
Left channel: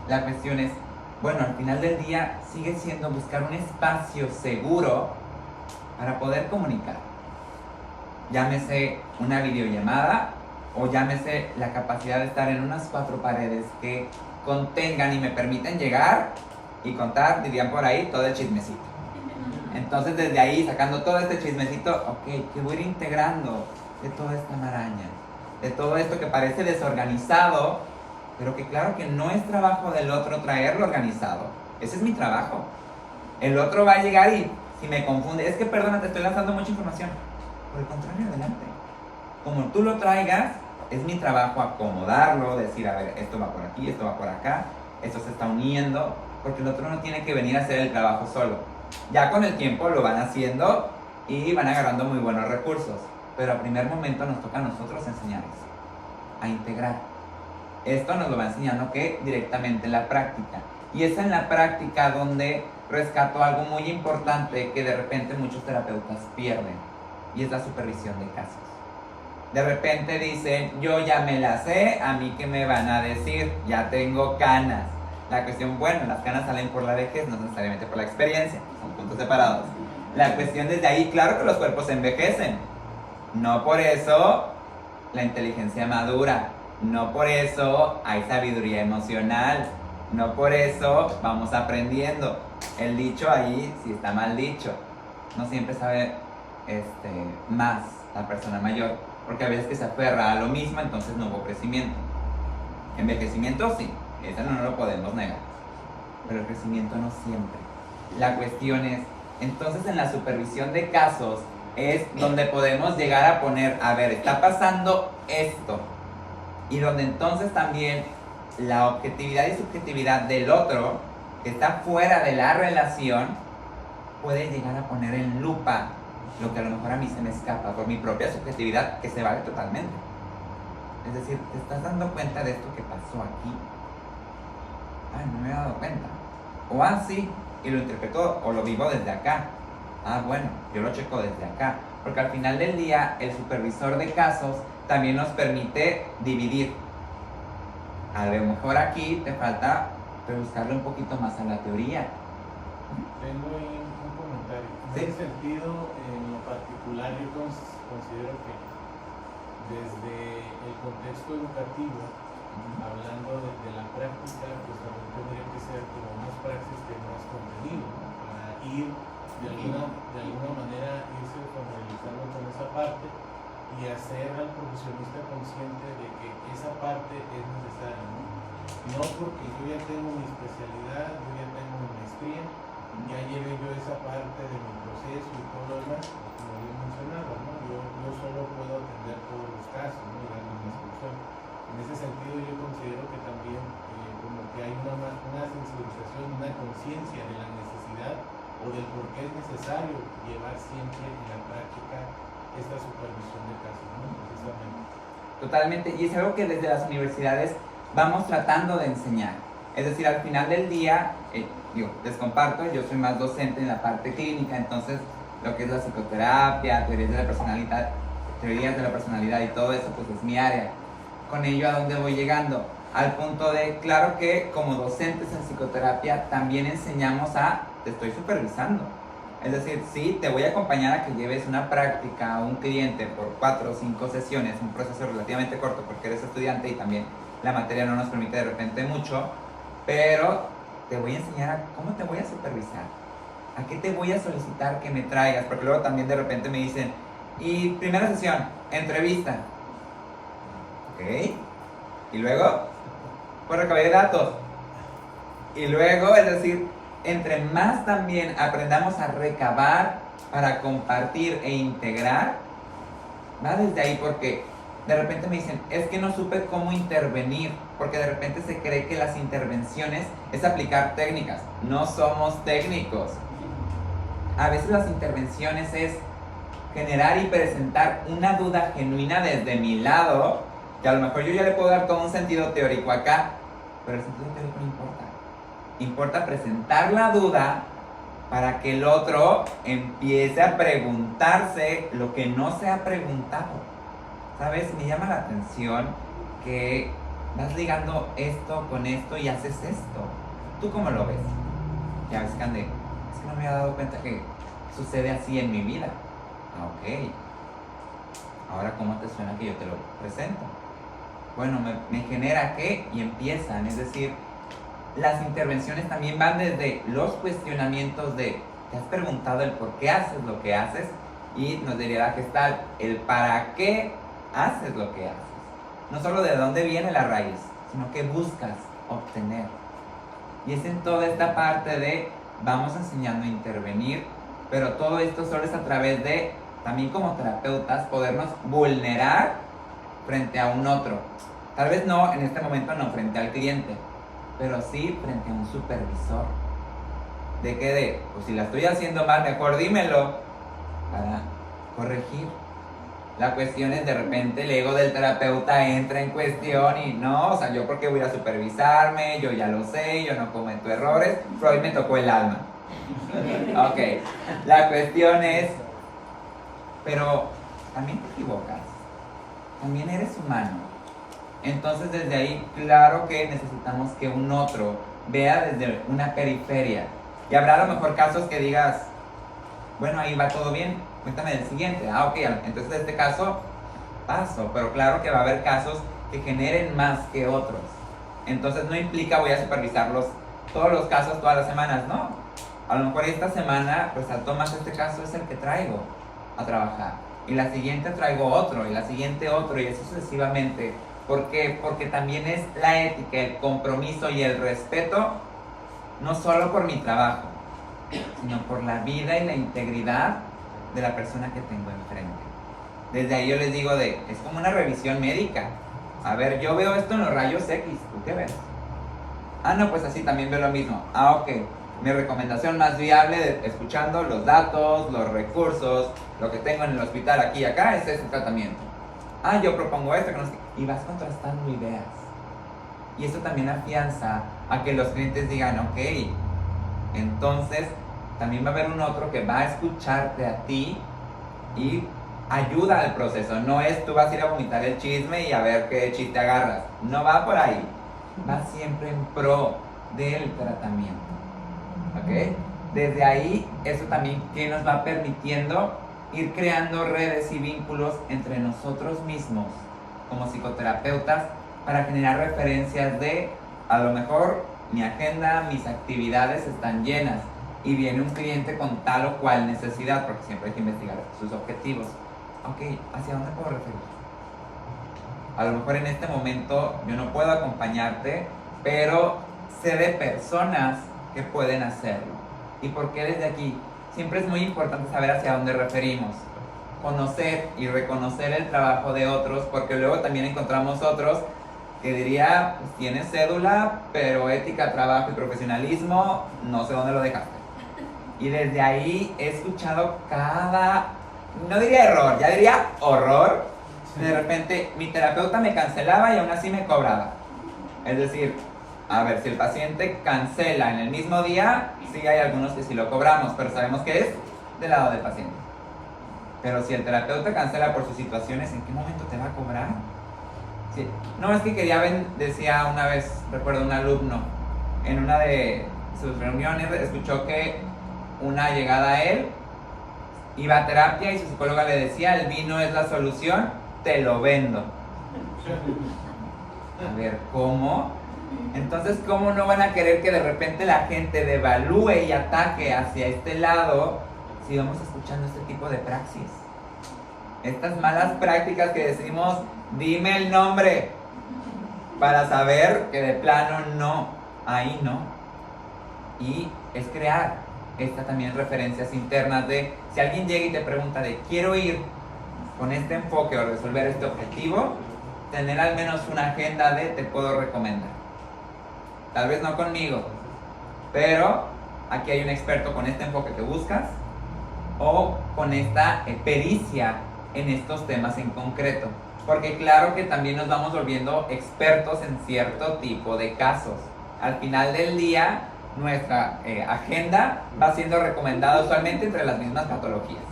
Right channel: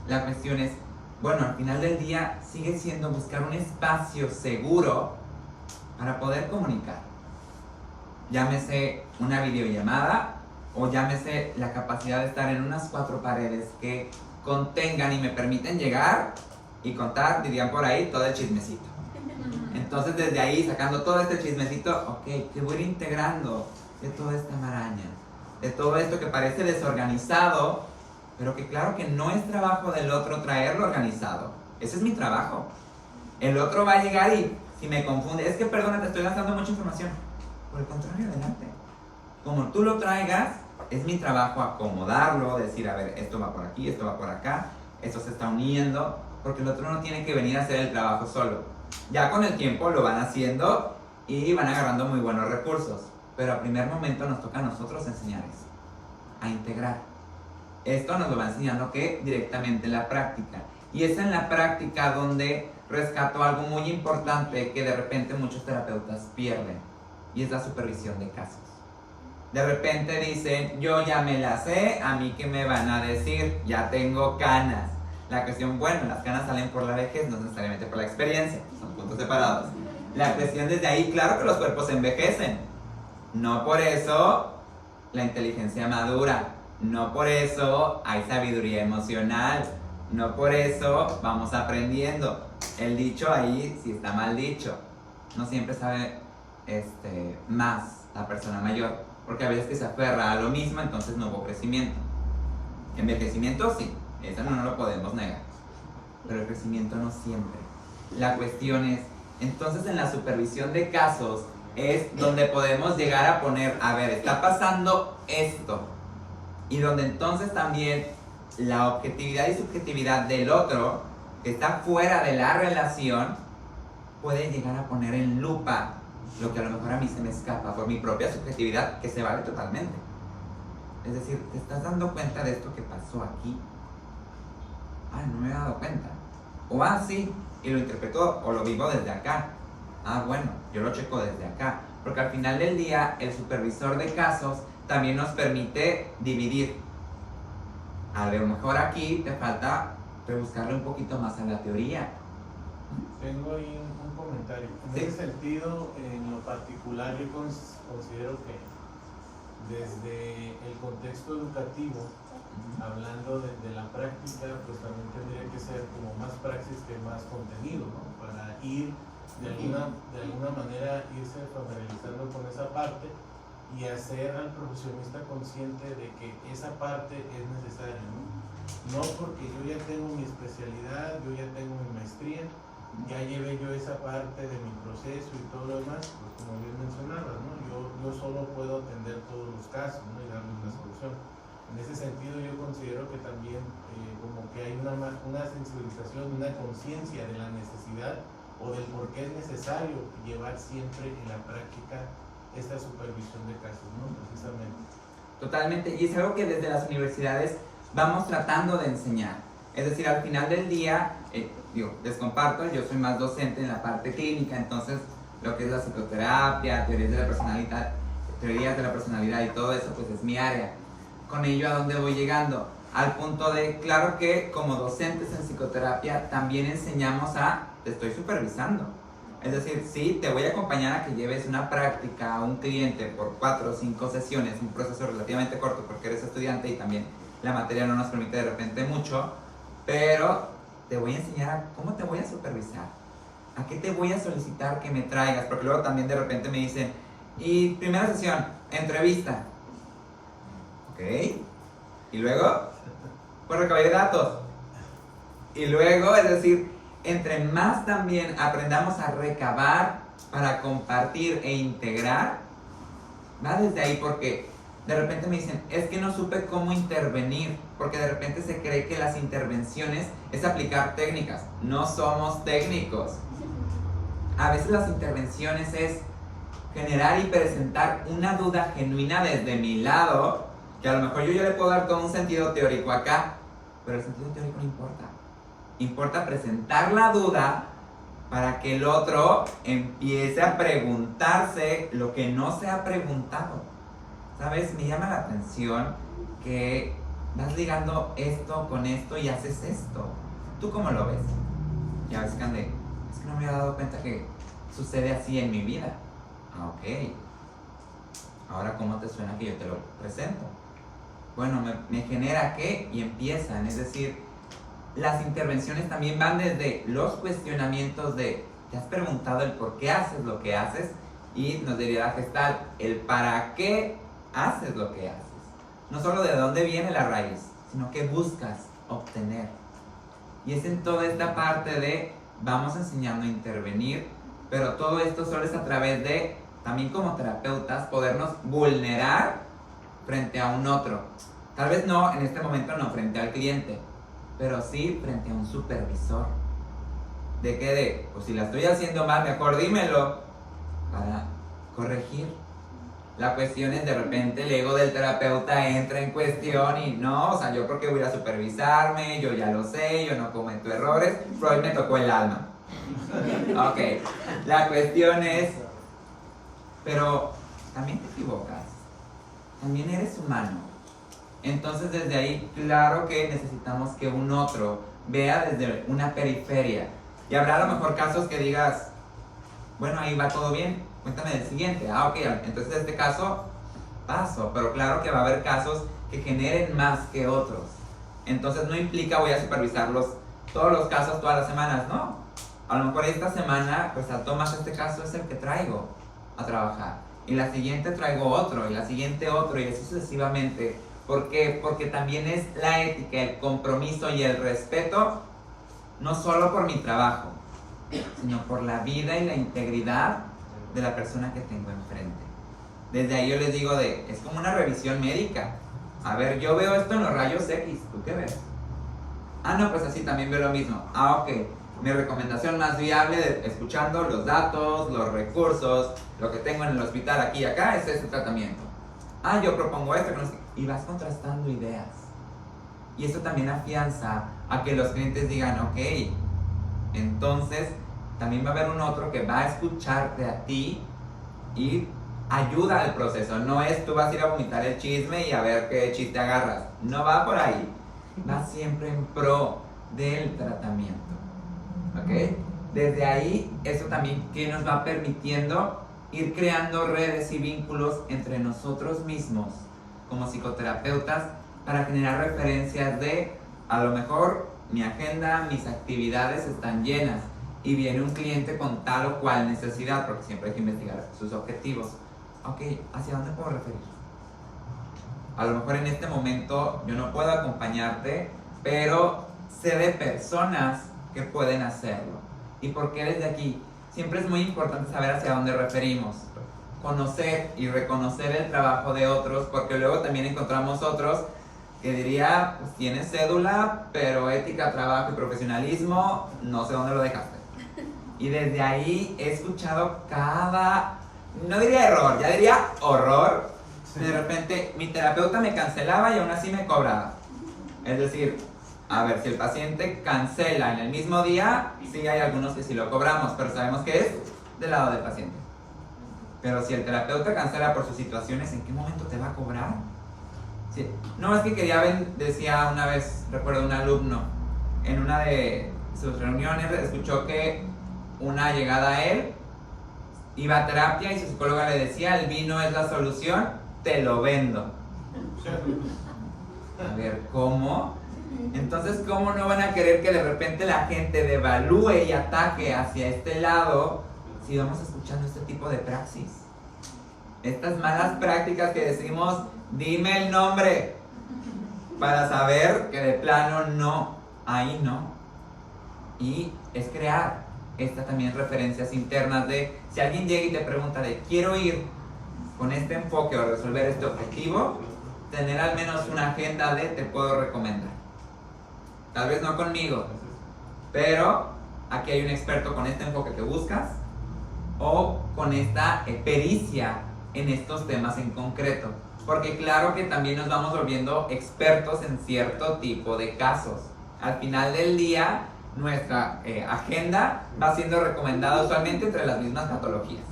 La cuestión es, bueno, al final del día sigue siendo buscar un espacio seguro para poder comunicar. Llámese una videollamada o llámese la capacidad de estar en unas 4 paredes que contengan y me permiten llegar y contar, dirían por ahí, todo el chismecito. Entonces desde ahí, sacando todo este chismecito, ok, que voy a ir integrando de toda esta maraña, de todo esto que parece desorganizado, pero que claro que no es trabajo del otro traerlo organizado. Ese es mi trabajo. El otro va a llegar y si me confunde, es que perdona, te estoy lanzando mucha información. Por el contrario, adelante. como tú lo traigas, es mi trabajo acomodarlo, decir, a ver, esto va por aquí, esto va por acá, esto se está uniendo, porque el otro no tiene que venir a hacer el trabajo solo. Ya con el tiempo lo van haciendo y van agarrando muy buenos recursos, pero a primer momento nos toca a nosotros enseñar eso, a integrar. Esto nos lo va enseñando que directamente en la práctica. Y es en la práctica donde rescato algo muy importante que de repente muchos terapeutas pierden, y es la supervisión de casos. De repente dicen, yo ya me la sé, a mí qué me van a decir, ya tengo canas. La cuestión, bueno, las canas salen por la vejez, no necesariamente por la experiencia, son puntos separados. La cuestión desde ahí, claro que los cuerpos envejecen. No por eso la inteligencia madura, no por eso hay sabiduría emocional, no por eso vamos aprendiendo. El dicho ahí sí está mal dicho. No siempre sabe más la persona mayor, porque a veces que se aferra a lo mismo, entonces no hubo crecimiento. Envejecimiento sí, eso no lo podemos negar, pero el crecimiento no siempre. La cuestión es, entonces en la supervisión de casos es donde podemos llegar a poner, a ver, está pasando esto, y donde entonces también la objetividad y subjetividad del otro, que está fuera de la relación, puede llegar a poner en lupa lo que a lo mejor a mí se me escapa por mi propia subjetividad, que se vale totalmente. Es decir, ¿te estás dando cuenta de esto que pasó aquí? Ay, no me había dado cuenta. O sí, y lo interpreto o lo vivo desde acá. Bueno, yo lo checo desde acá. Porque al final del día, el supervisor de casos también nos permite dividir. A lo mejor aquí te falta rebuscarle un poquito más a la teoría. Tengo ahí un comentario. En Sí. ese sentido, en lo particular, yo considero que desde el contexto educativo, hablando de la práctica, pues también tendría que ser como más praxis que más contenido, ¿no? Para ir de alguna manera irse familiarizando con esa parte y hacer al profesionista consciente de que esa parte es necesaria, ¿no? No porque yo ya tengo mi especialidad, yo ya tengo mi maestría, ya llevé yo esa parte de mi proceso y todo lo demás, pues como bien mencionabas, ¿no? Yo solo puedo atender todos los casos, ¿no? Y darles la solución. En ese sentido yo considero que también como que hay una sensibilización, una conciencia de la necesidad o del por qué es necesario llevar siempre en la práctica esta supervisión de casos, ¿no? Precisamente. Totalmente, y es algo que desde las universidades vamos tratando de enseñar. Es decir, al final del día, les comparto, yo soy más docente en la parte clínica, entonces lo que es la psicoterapia, teorías de la personalidad y todo eso, pues es mi área. Con ello, ¿a dónde voy llegando? Al punto de, claro que como docentes en psicoterapia también enseñamos te estoy supervisando. Es decir, sí, te voy a acompañar a que lleves una práctica a un cliente por 4 o 5 sesiones, un proceso relativamente corto porque eres estudiante y también la materia no nos permite de repente mucho, pero te voy a enseñar cómo te voy a supervisar, a qué te voy a solicitar que me traigas, porque luego también de repente me dicen, y primera sesión, entrevista, ok, y luego, pues recabé datos, y luego, es decir, entre más también aprendamos a recabar para compartir e integrar, va desde ahí, porque de repente me dicen, es que no supe cómo intervenir, porque de repente se cree que las intervenciones es aplicar técnicas. No somos técnicos. A veces las intervenciones es generar y presentar una duda genuina desde mi lado, que a lo mejor yo ya le puedo dar todo un sentido teórico acá, pero el sentido teórico no importa. Importa presentar la duda para que el otro empiece a preguntarse lo que no se ha preguntado. ¿Sabes? Me llama la atención que vas ligando esto con esto y haces esto. ¿Tú cómo lo ves? Ya ves, Cande, es que no me había dado cuenta que sucede así en mi vida. Ok. Ahora, ¿cómo te suena que yo te lo presento? Bueno, me genera qué y empiezan. Es decir, las intervenciones también van desde los cuestionamientos de ¿te has preguntado el por qué haces lo que haces? Y nos diría la Gestalt, el para qué haces lo que haces. No solo de dónde viene la raíz, sino qué buscas obtener. Y es en toda esta parte de vamos enseñando a intervenir, pero todo esto solo es a través de también como terapeutas, podernos vulnerar frente a un otro. Tal vez no, en este momento no frente al cliente, pero sí frente a un supervisor. ¿De qué? De, pues si la estoy haciendo mal, mejor dímelo para corregir. La cuestión es de repente el ego del terapeuta entra en cuestión y no, o sea, yo porque voy a supervisarme, yo ya lo sé, yo no cometo errores, Freud me tocó el alma. Ok, la cuestión es, pero también te equivocas, también eres humano. Entonces desde ahí, claro que necesitamos que un otro vea desde una periferia. Y habrá a lo mejor casos que digas, bueno, ahí va todo bien, cuéntame del siguiente. Ah, ok, entonces en este caso paso, pero claro que va a haber casos que generen más que otros. Entonces no implica voy a supervisarlos todos los casos todas las semanas, no. A lo mejor esta semana resaltó más este caso, es el que traigo a trabajar. Y la siguiente traigo otro, y la siguiente otro, y así sucesivamente. ¿Por qué? Porque también es la ética, el compromiso y el respeto, no solo por mi trabajo, sino por la vida y la integridad de la persona que tengo enfrente. Desde ahí yo les digo es como una revisión médica. A ver, yo veo esto en los rayos X, ¿tú qué ves? Ah, no, pues así también veo lo mismo. Ah, ok. Mi recomendación más viable, escuchando los datos, los recursos, lo que tengo en el hospital aquí y acá, es este tratamiento. Ah, yo propongo esto, que no sé. Y vas contrastando ideas. Y eso también afianza a que los clientes digan, ok, entonces también va a haber un otro que va a escucharte a ti y ayuda al proceso. No es tú vas a ir a vomitar el chisme y a ver qué chiste agarras. No va por ahí. Va siempre en pro del tratamiento. ¿Ok? Desde ahí, eso también que nos va permitiendo ir creando redes y vínculos entre nosotros mismos como psicoterapeutas para generar referencias de, a lo mejor mi agenda, mis actividades están llenas y viene un cliente con tal o cual necesidad, porque siempre hay que investigar sus objetivos. Ok, ¿hacia dónde puedo referir? A lo mejor en este momento yo no puedo acompañarte, pero sé de personas que pueden hacerlo. ¿Y por qué desde aquí? Siempre es muy importante saber hacia dónde referimos. Conocer y reconocer el trabajo de otros, porque luego también encontramos otros que diría, pues tienes cédula, pero ética, trabajo y profesionalismo, no sé dónde lo dejaste. Y desde ahí he escuchado no diría error, ya diría horror. De repente mi terapeuta me cancelaba y aún así me cobraba. Es decir, a ver, si el paciente cancela en el mismo día, sí hay algunos que sí lo cobramos, pero sabemos que es del lado del paciente. Pero si el terapeuta cancela por sus situaciones, ¿en qué momento te va a cobrar? Sí. No, es que decía una vez, recuerdo un alumno, en una de sus reuniones escuchó que una llegada a él iba a terapia y su psicóloga le decía, el vino es la solución, te lo vendo. A ver, ¿cómo? Entonces, ¿cómo no van a querer que de repente la gente devalúe y ataque hacia este lado si vamos escuchando este tipo de praxis? Estas malas prácticas que decimos, dime el nombre, para saber que de plano no, ahí no. Y es crear también referencias internas de, si alguien llega y te pregunta de, quiero ir con este enfoque o resolver este objetivo, tener al menos una agenda de, te puedo recomendar. Tal vez no conmigo, pero aquí hay un experto con este enfoque que buscas o con esta pericia en estos temas en concreto. Porque claro que también nos vamos volviendo expertos en cierto tipo de casos. Al final del día, nuestra agenda va siendo recomendada usualmente entre las mismas patologías.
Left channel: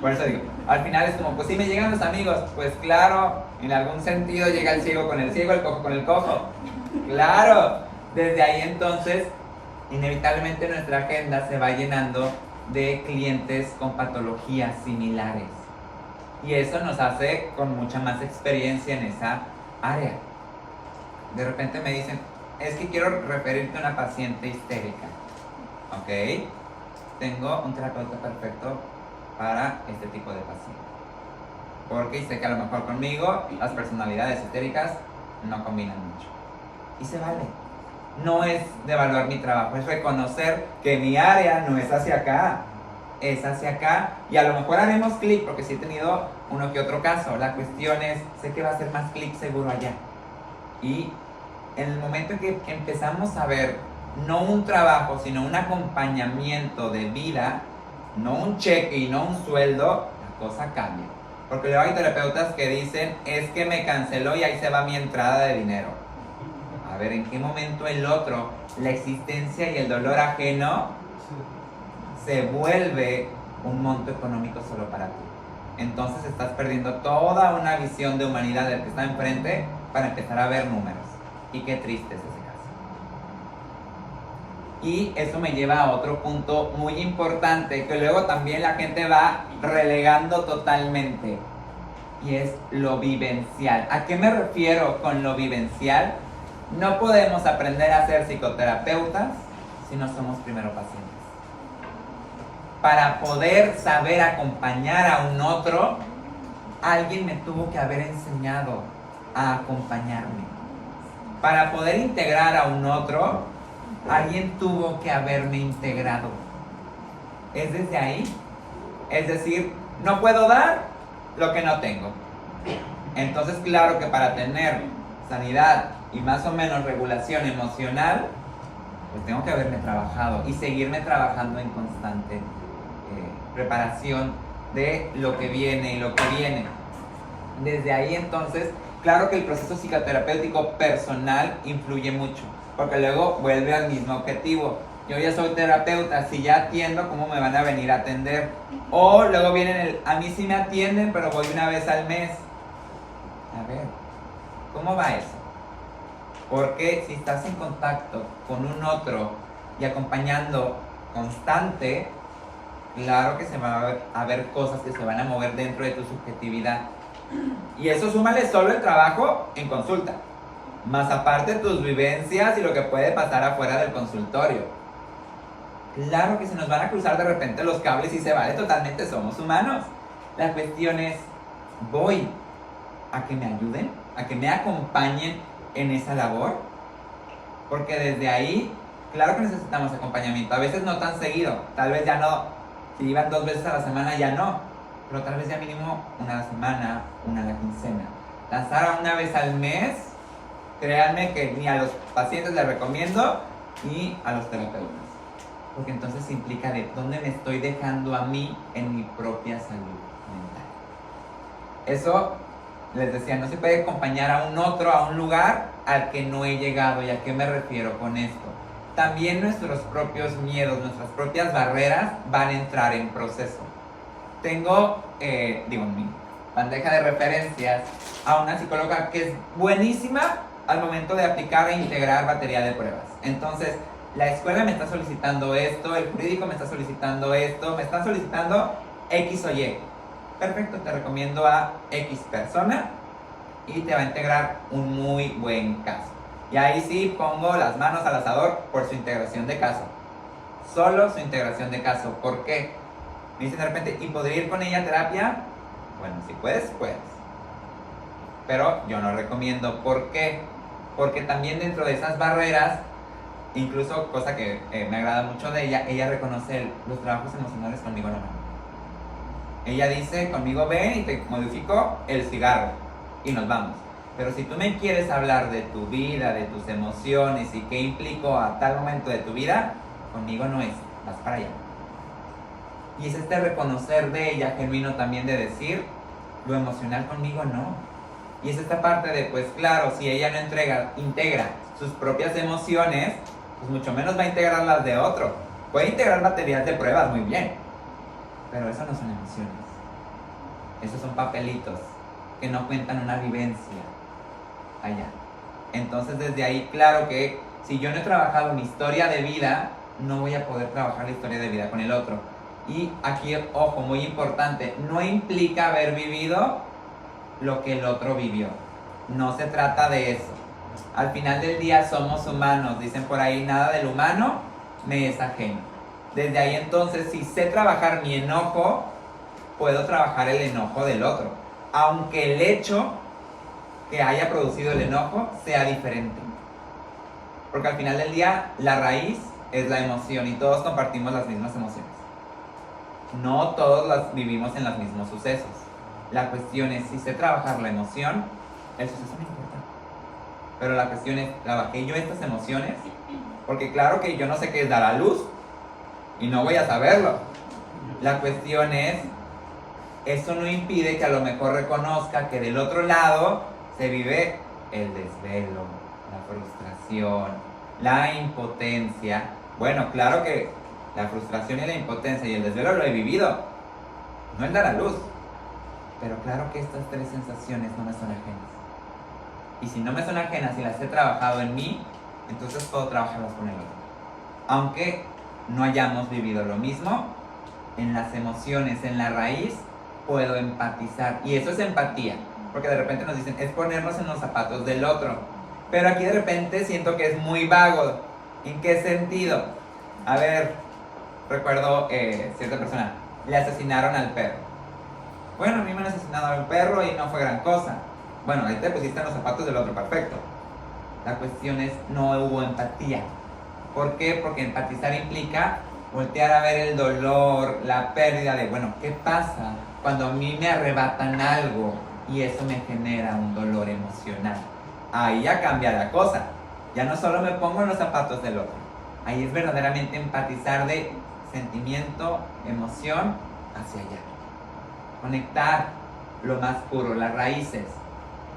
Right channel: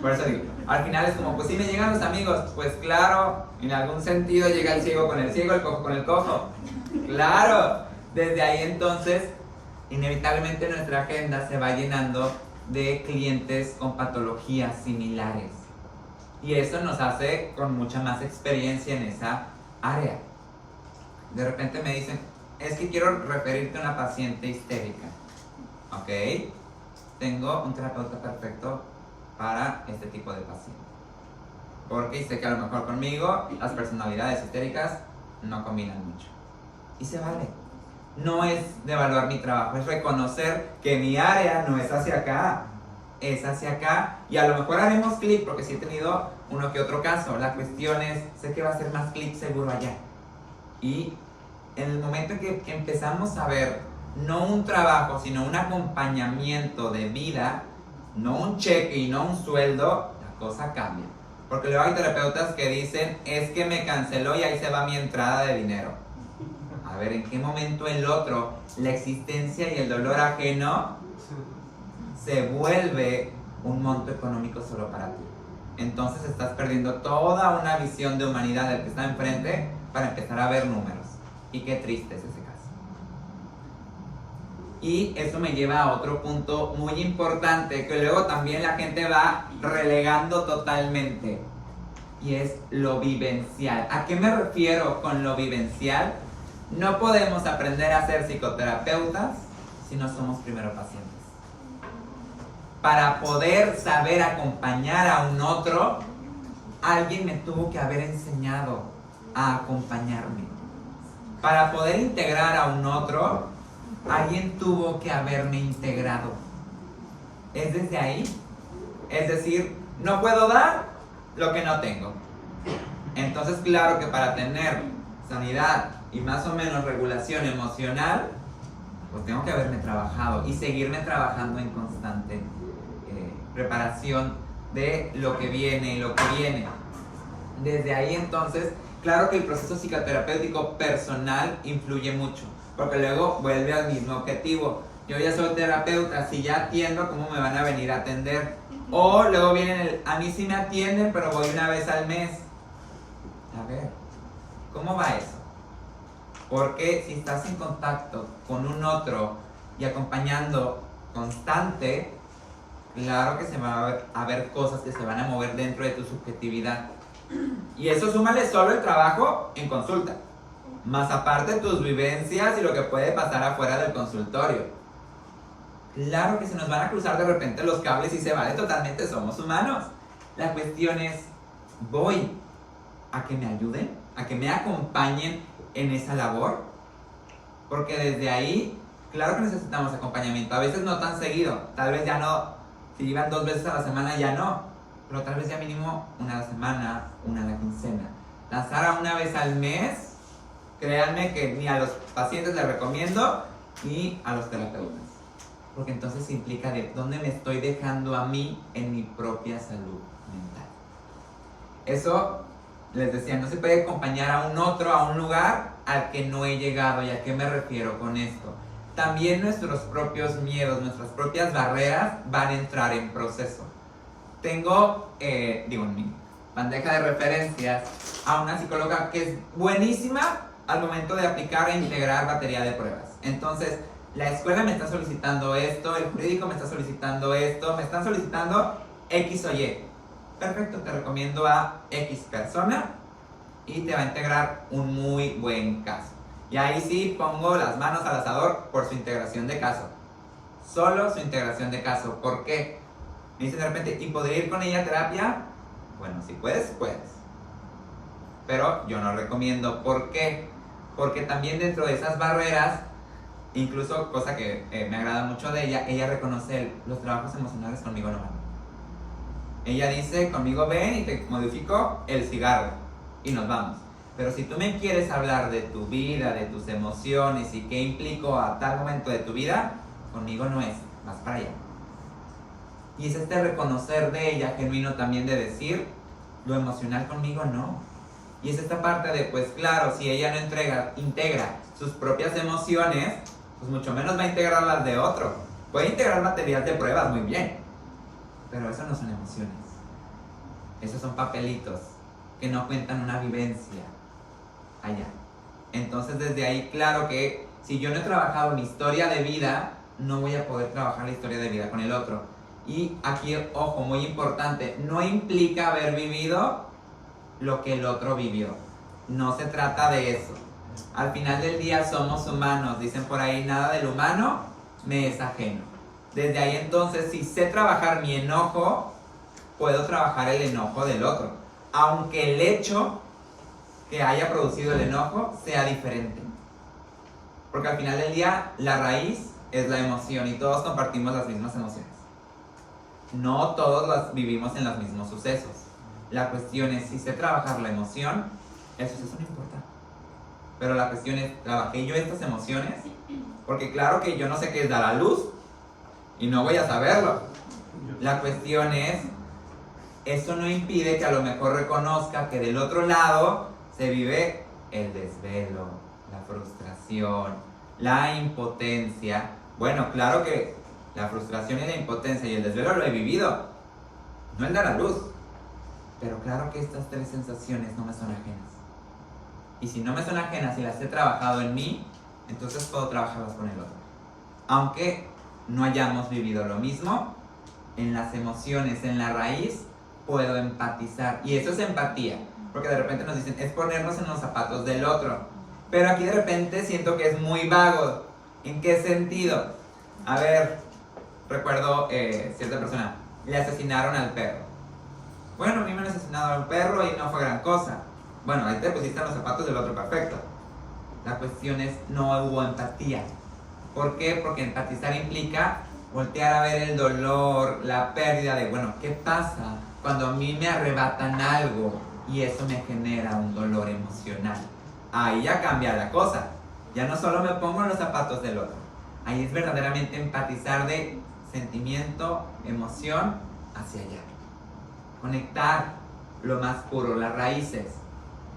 Por eso digo, al final es como, pues si me llegan los amigos, pues claro, en algún sentido llega el ciego con el ciego, el cojo con el cojo. Claro, desde ahí entonces, inevitablemente nuestra agenda se va llenando de clientes con patologías similares. Y eso nos hace con mucha más experiencia en esa área. De repente me dicen, es que quiero referirte a una paciente histérica. Ok, tengo un terapeuta perfecto para este tipo de paciente. Porque sé que a lo mejor conmigo las personalidades histéricas no combinan mucho. Y se vale. No es devaluar mi trabajo, es reconocer que mi área no es hacia acá. es hacia acá y a lo mejor haremos clic porque sí he tenido uno que otro caso. La cuestión es, sé que va a ser más clic seguro allá. Y en el momento en que empezamos a ver no un trabajo, sino un acompañamiento de vida, no un cheque y no un sueldo, la cosa cambia. Porque luego hay terapeutas que dicen, es que me canceló y ahí se va mi entrada de dinero. A ver, ¿en qué momento el otro, la existencia y el dolor ajeno, se vuelve un monto económico solo para ti? Entonces estás perdiendo toda una visión de humanidad del que está enfrente para empezar a ver números. Y qué triste es ese caso. Y eso me lleva a otro punto muy importante que luego también la gente va relegando totalmente. Y es lo vivencial. ¿A qué me refiero con lo vivencial? No podemos aprender a ser psicoterapeutas si no somos primero pacientes. Para poder saber acompañar a un otro, alguien me tuvo que haber enseñado a acompañarme. Para poder integrar a un otro, alguien tuvo que haberme integrado. ¿Es desde ahí? Es decir, no puedo dar lo que no tengo. Entonces, claro que para tener sanidad y más o menos regulación emocional, pues tengo que haberme trabajado y seguirme trabajando en constante preparación de lo que viene y lo que viene. Desde ahí, entonces, claro que el proceso psicoterapéutico personal influye mucho, porque luego vuelve al mismo objetivo. Yo ya soy terapeuta, si ya atiendo, ¿cómo me van a venir a atender? O luego vienen a mí sí me atienden, pero voy una vez al mes. A ver, ¿cómo va eso? Porque si estás en contacto con un otro y acompañando constante, claro que se van a ver cosas que se van a mover dentro de tu subjetividad. Y eso súmale solo el trabajo en consulta, más aparte tus vivencias y lo que puede pasar afuera del consultorio. Claro que se nos van a cruzar de repente los cables y se vale totalmente, somos humanos. La cuestión es, ¿voy a que me ayuden? ¿A que me acompañen en esa labor? Porque desde ahí, claro que necesitamos acompañamiento. A veces no tan seguido, tal vez ya no, si iban 2 veces a la semana ya no, pero tal vez ya mínimo una a la semana, una a la quincena. Lanzar a una vez al mes, créanme que ni a los pacientes les recomiendo, ni a los terapeutas. Porque entonces implica de dónde me estoy dejando a mí en mi propia salud mental. Eso, les decía, no se puede acompañar a un otro, a un lugar al que no he llegado. ¿Y a qué me refiero con esto? También nuestros propios miedos, nuestras propias barreras van a entrar en proceso. Tengo, en mi bandeja de referencias a una psicóloga que es buenísima al momento de aplicar e integrar batería de pruebas. Entonces, la escuela me está solicitando esto, el jurídico me está solicitando esto, me están solicitando X o Y. Perfecto, te recomiendo a X persona y te va a integrar un muy buen caso. Y ahí sí pongo las manos al asador por su integración de caso. Solo su integración de caso. ¿Por qué? Me dicen de repente, ¿y podría ir con ella a terapia? Bueno, si puedes, puedes. Pero yo no recomiendo. ¿Por qué? Porque también dentro de esas barreras, incluso cosa que me agrada mucho de ella reconoce los trabajos emocionales conmigo no. Ella dice, conmigo ven y te modifico el cigarro y nos vamos. Pero si tú me quieres hablar de tu vida, de tus emociones y qué implicó a tal momento de tu vida, conmigo no es, vas para allá. Y es este reconocer de ella genuino también de decir, lo emocional conmigo no. Y es esta parte de, pues claro, si ella no integra sus propias emociones, pues mucho menos va a integrar las de otro. Puede integrar baterías de pruebas muy bien, pero eso no son emociones. Esos son papelitos que no cuentan una vivencia allá. Entonces desde ahí, claro que si yo no he trabajado mi historia de vida, no voy a poder trabajar la historia de vida con el otro. Y aquí, ojo, muy importante, no implica haber vivido lo que el otro vivió. No se trata de eso. Al final del día somos humanos, dicen por ahí, nada del humano me es ajeno. Desde ahí entonces, si sé trabajar mi enojo, puedo trabajar el enojo del otro, aunque el hecho que haya producido el enojo sea diferente. Porque al final del día, la raíz es la emoción y todos compartimos las mismas emociones. no todos las vivimos en los mismos sucesos. La cuestión es, si sé trabajar la emoción, el suceso no importa. Pero la cuestión es, ¿trabajé yo estas emociones? Porque claro que yo no sé qué es dar a luz y no voy a saberlo. La cuestión es, eso no impide que a lo mejor reconozca que del otro lado se vive el desvelo, la frustración, la impotencia. Bueno, claro que la frustración y la impotencia y el desvelo lo he vivido, no el dar a luz. Pero claro que estas tres sensaciones no me son ajenas. Y si no me son ajenas y las he trabajado en mí, entonces puedo trabajarlas con el otro. Aunque no hayamos vivido lo mismo, en las emociones, en la raíz, puedo empatizar. Y eso es empatía. Porque de repente nos dicen, es ponernos en los zapatos del otro. Pero aquí de repente siento que es muy vago. ¿En qué sentido? A ver, recuerdo cierta persona, le asesinaron al perro. Bueno, a mí me han asesinado al perro y no fue gran cosa. Bueno, ahí te pusiste en los zapatos del otro, perfecto. La cuestión es, no hubo empatía. ¿Por qué? Porque empatizar implica voltear a ver el dolor, la pérdida de, bueno, ¿qué pasa cuando a mí me arrebatan algo y eso me genera un dolor emocional? Ahí ya cambia la cosa. Ya no solo me pongo en los zapatos del otro. Ahí es verdaderamente empatizar de sentimiento, emoción, hacia allá. Conectar lo más puro, las raíces,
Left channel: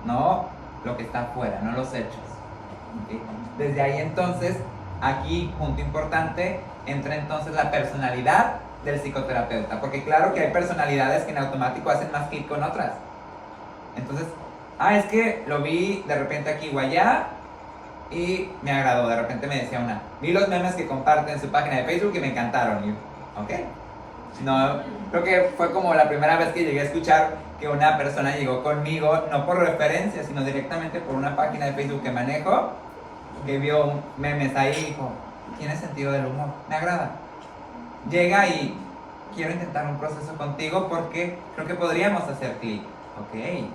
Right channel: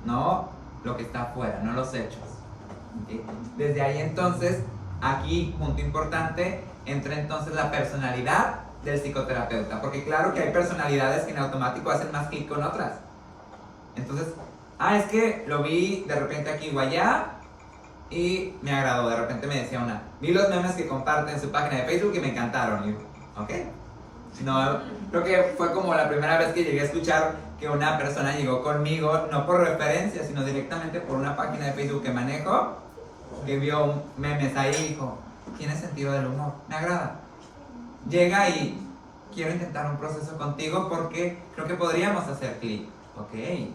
no lo que está afuera, no los hechos. ¿Okay? Desde ahí entonces, aquí, punto importante, entra entonces la personalidad del psicoterapeuta, porque claro que hay personalidades que en automático hacen más clic con otras. Entonces, es que lo vi de repente aquí o allá y me agradó. De repente me decía una, vi los memes que comparte en su página de Facebook y me encantaron. Y yo, ok. No, creo que fue como la primera vez que llegué a escuchar que una persona llegó conmigo, no por referencia, sino directamente por una página de Facebook que manejo, que vio memes ahí y dijo, tiene sentido del humor, me agrada. Llega y quiero intentar un proceso contigo porque creo que podríamos hacer clic. Ok.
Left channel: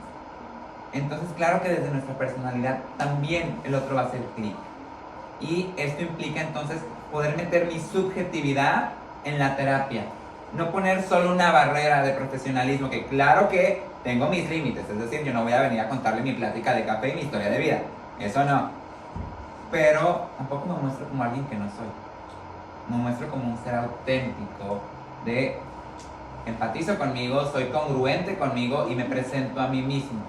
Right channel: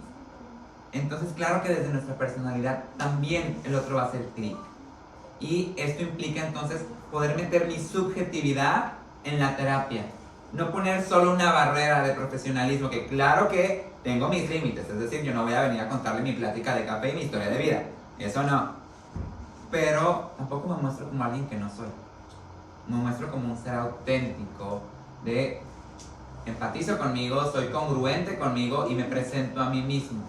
Entonces, claro que desde nuestra personalidad también el otro va a hacer clic. Y esto implica entonces poder meter mi subjetividad en la terapia. No poner solo una barrera de profesionalismo, que claro que tengo mis límites. Es decir, yo no voy a venir a contarle mi plática de café y mi historia de vida. Eso no. Pero tampoco me muestro como alguien que no soy. Me muestro como un ser auténtico de empatizo conmigo, soy congruente conmigo y me presento a mí mismo.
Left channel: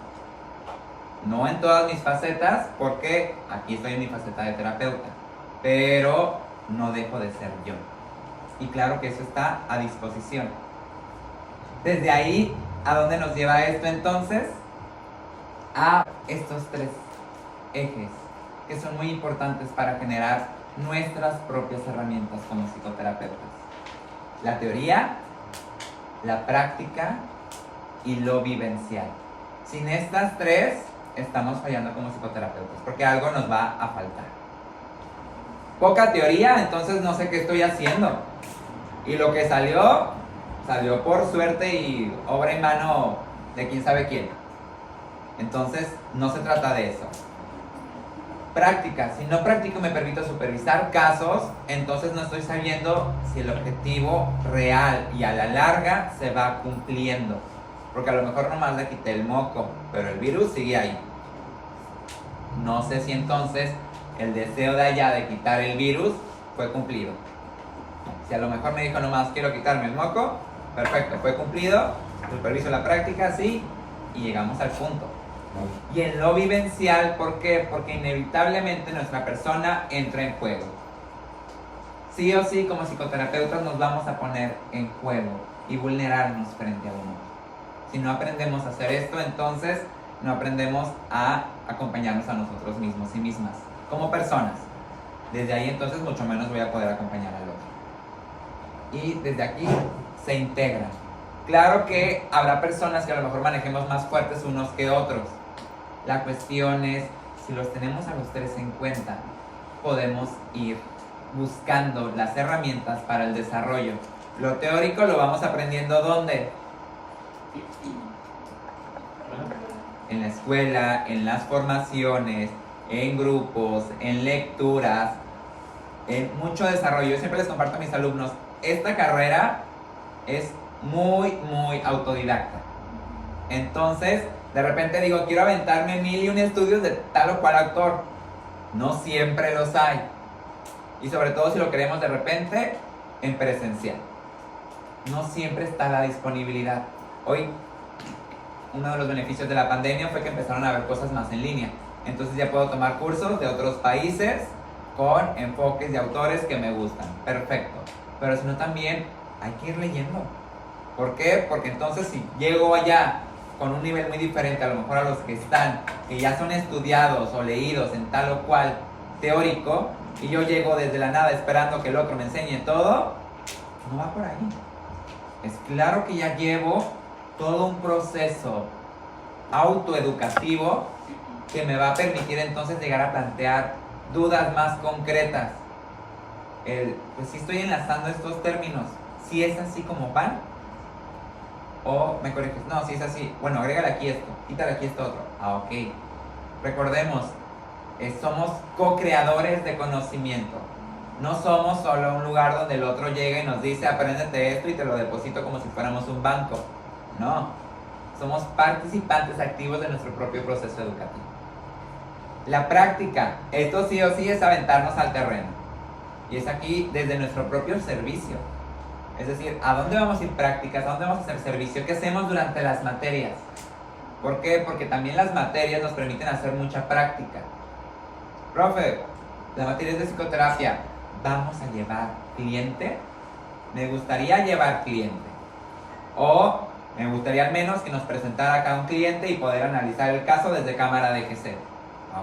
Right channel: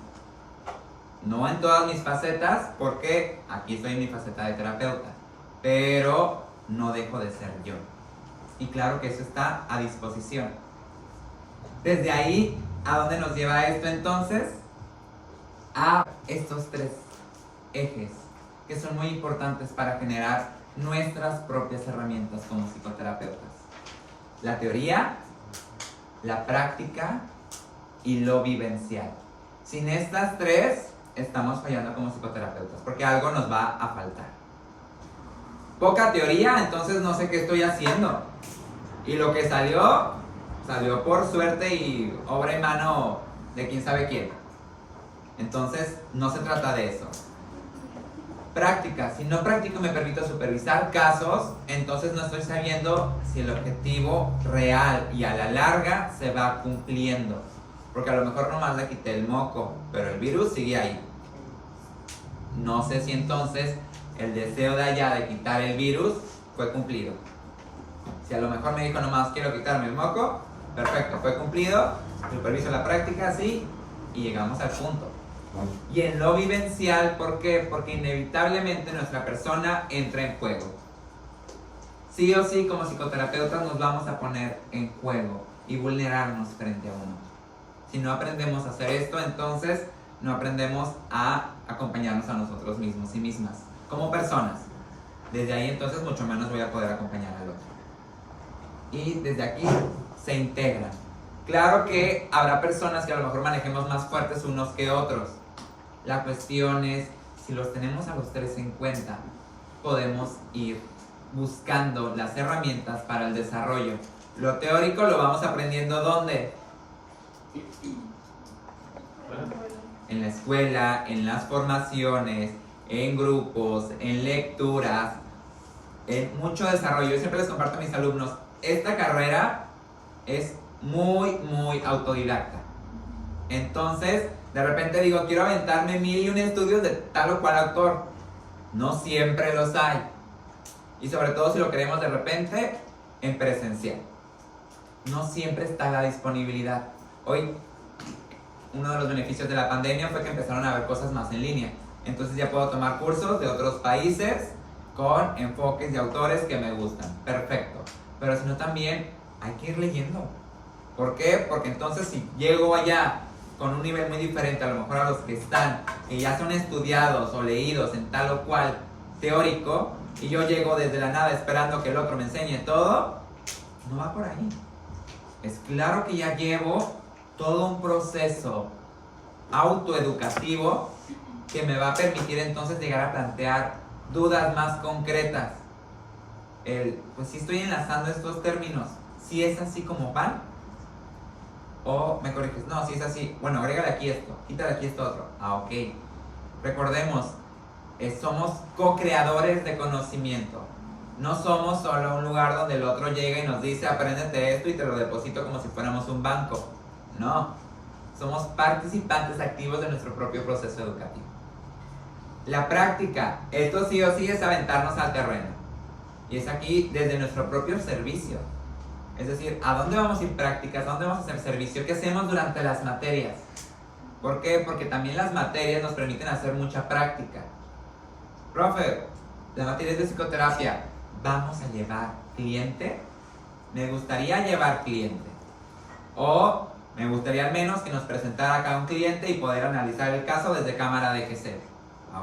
No en todas mis facetas, porque aquí estoy en mi faceta de terapeuta, pero no dejo de ser yo. Y claro que eso está a disposición. Desde ahí, ¿a dónde nos lleva esto entonces? A estos tres ejes que son muy importantes para generar nuestras propias herramientas como psicoterapeutas. La teoría, la práctica y lo vivencial. Sin estas tres, estamos fallando como psicoterapeutas, porque algo nos va a faltar. Poca teoría, entonces no sé qué estoy haciendo. Y lo que salió por suerte y obra y mano de quién sabe quién. Entonces, no se trata de eso. Práctica, si no practico y me permito supervisar casos, entonces no estoy sabiendo si el objetivo real y a la larga se va cumpliendo. Porque a lo mejor nomás le quité el moco, pero el virus sigue ahí. No sé si entonces el deseo de allá de quitar el virus fue cumplido. Si a lo mejor me dijo nomás quiero quitarme el moco, perfecto, fue cumplido, superviso la práctica, sí, y llegamos al punto. Y en lo vivencial, ¿por qué? Porque inevitablemente nuestra persona entra en juego. Sí o sí, como psicoterapeutas nos vamos a poner en juego y vulnerarnos frente a uno. Si no aprendemos a hacer esto, entonces no aprendemos a acompañarnos a nosotros mismos y mismas, como personas. Desde ahí entonces mucho menos voy a poder acompañar al otro. Y desde aquí se integra. Claro que habrá personas que a lo mejor manejemos más fuertes unos que otros. La cuestión es, si los tenemos a los tres en cuenta, podemos ir buscando las herramientas para el desarrollo. Lo teórico lo vamos aprendiendo ¿dónde? En la escuela, en las formaciones, en grupos, en lecturas, en mucho desarrollo. Yo siempre les comparto a mis alumnos, esta carrera es muy autodidacta. Entonces, de repente digo, quiero aventarme 1001 estudios de tal o cual autor. No siempre los hay. Y sobre todo si lo queremos de repente en presencial. No siempre está la disponibilidad. Hoy, uno de los beneficios de la pandemia fue que empezaron a haber cosas más en línea. Entonces ya puedo tomar cursos de otros países con enfoques de autores que me gustan. Perfecto. Pero si no, también hay que ir leyendo. ¿Por qué? Porque entonces si llego allá con un nivel muy diferente a lo mejor a los que están, que ya son estudiados o leídos en tal o cual teórico, y yo llego desde la nada esperando que el otro me enseñe todo, no va por ahí. Es claro que ya llevo todo un proceso autoeducativo que me va a permitir entonces llegar a plantear dudas más concretas. Pues si estoy enlazando estos términos, si es así como van, o me corriges, no, si es así, bueno, agrégale aquí esto, quítale aquí esto otro. Ok. Recordemos, somos co-creadores de conocimiento. No somos solo un lugar donde el otro llega y nos dice, apréndete esto y te lo deposito como si fuéramos un banco. No, somos participantes activos de nuestro propio proceso educativo. La práctica, esto sí o sí es aventarnos al terreno. Y es aquí desde nuestro propio servicio. Es decir, ¿a dónde vamos a ir prácticas? ¿A dónde vamos a hacer servicio? ¿Qué hacemos durante las materias? ¿Por qué? Porque también las materias nos permiten hacer mucha práctica. Profe, la materia es de psicoterapia. ¿Vamos a llevar cliente? Me gustaría llevar cliente. O me gustaría al menos que nos presentara acá un cliente y poder analizar el caso desde cámara de GC.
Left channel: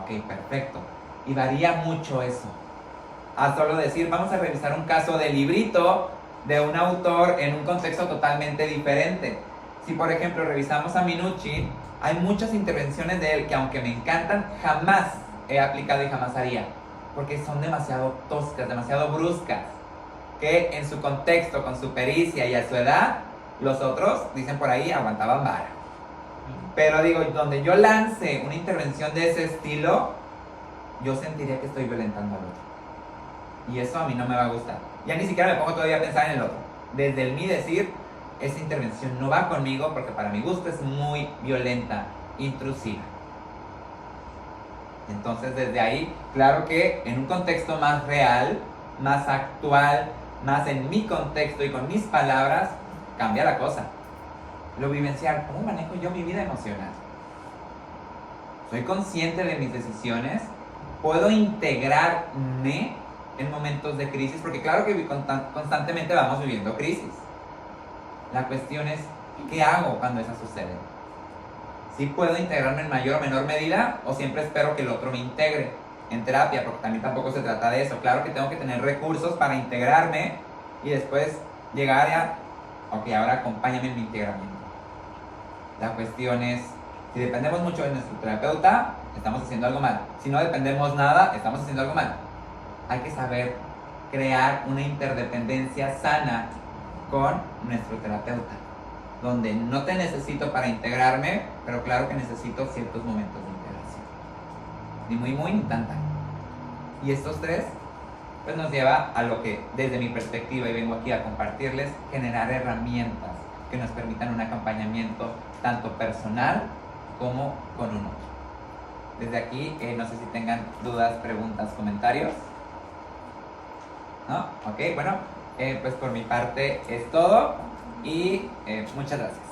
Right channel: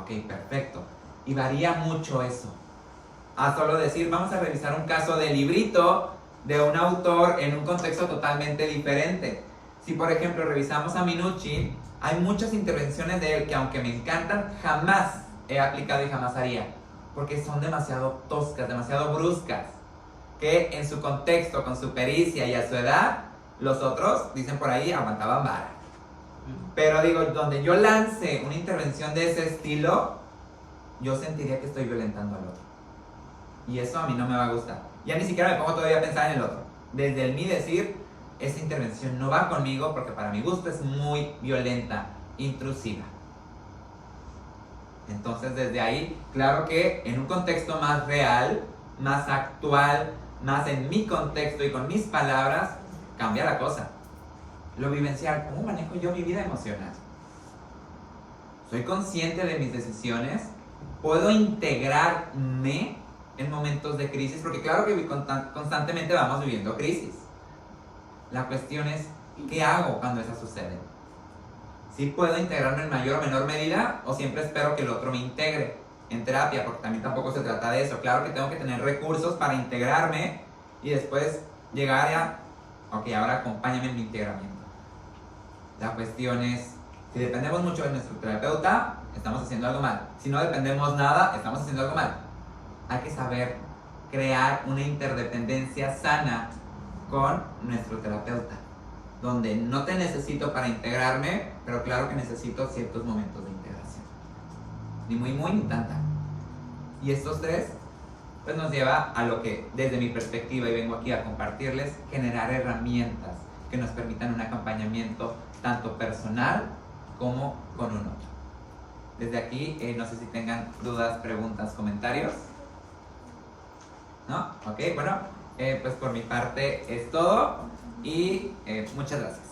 Ok, perfecto. Y varía mucho eso. A solo decir, vamos a revisar un caso de librito de un autor en un contexto totalmente diferente. Si por ejemplo revisamos a Minuchin, hay muchas intervenciones de él que aunque me encantan, jamás he aplicado y jamás haría, porque son demasiado toscas, demasiado bruscas, que en su contexto, con su pericia y a su edad, los otros, dicen por ahí, aguantaban vara. Pero digo, donde yo lance una intervención de ese estilo, yo sentiría que estoy violentando al otro. Y eso a mí no me va a gustar. Ya ni siquiera me pongo todavía a pensar en el otro. Desde el mí decir, esa intervención no va conmigo porque para mi gusto es muy violenta, intrusiva. Entonces desde ahí, claro que en un contexto más real, más actual, más en mi contexto y con mis palabras, cambia la cosa. Lo vivencial, ¿cómo manejo yo mi vida emocional? ¿Soy consciente de mis decisiones? ¿Puedo integrarme en momentos de crisis? Porque claro que constantemente vamos viviendo crisis. La cuestión es, ¿qué hago cuando esas suceden? ¿Sí puedo integrarme en mayor o menor medida? ¿O siempre espero que el otro me integre en terapia? Porque también tampoco se trata de eso. Claro que tengo que tener recursos para integrarme y después llegar a, ok, ahora acompáñame en mi integramiento. La cuestión es, si dependemos mucho de nuestro terapeuta, estamos haciendo algo mal. Si no dependemos nada, estamos haciendo algo mal. Hay que saber crear una interdependencia sana con nuestro terapeuta, donde no te necesito para integrarme, pero claro que necesito ciertos momentos de integración. Ni muy, ni tan. Y estos tres, pues nos lleva a lo que, desde mi perspectiva, y vengo aquí a compartirles, generar herramientas que nos permitan un acompañamiento tanto personal como con un otro. Desde aquí, no sé si tengan dudas, preguntas, comentarios. ¿No? Ok, bueno, pues por mi parte es todo y muchas gracias.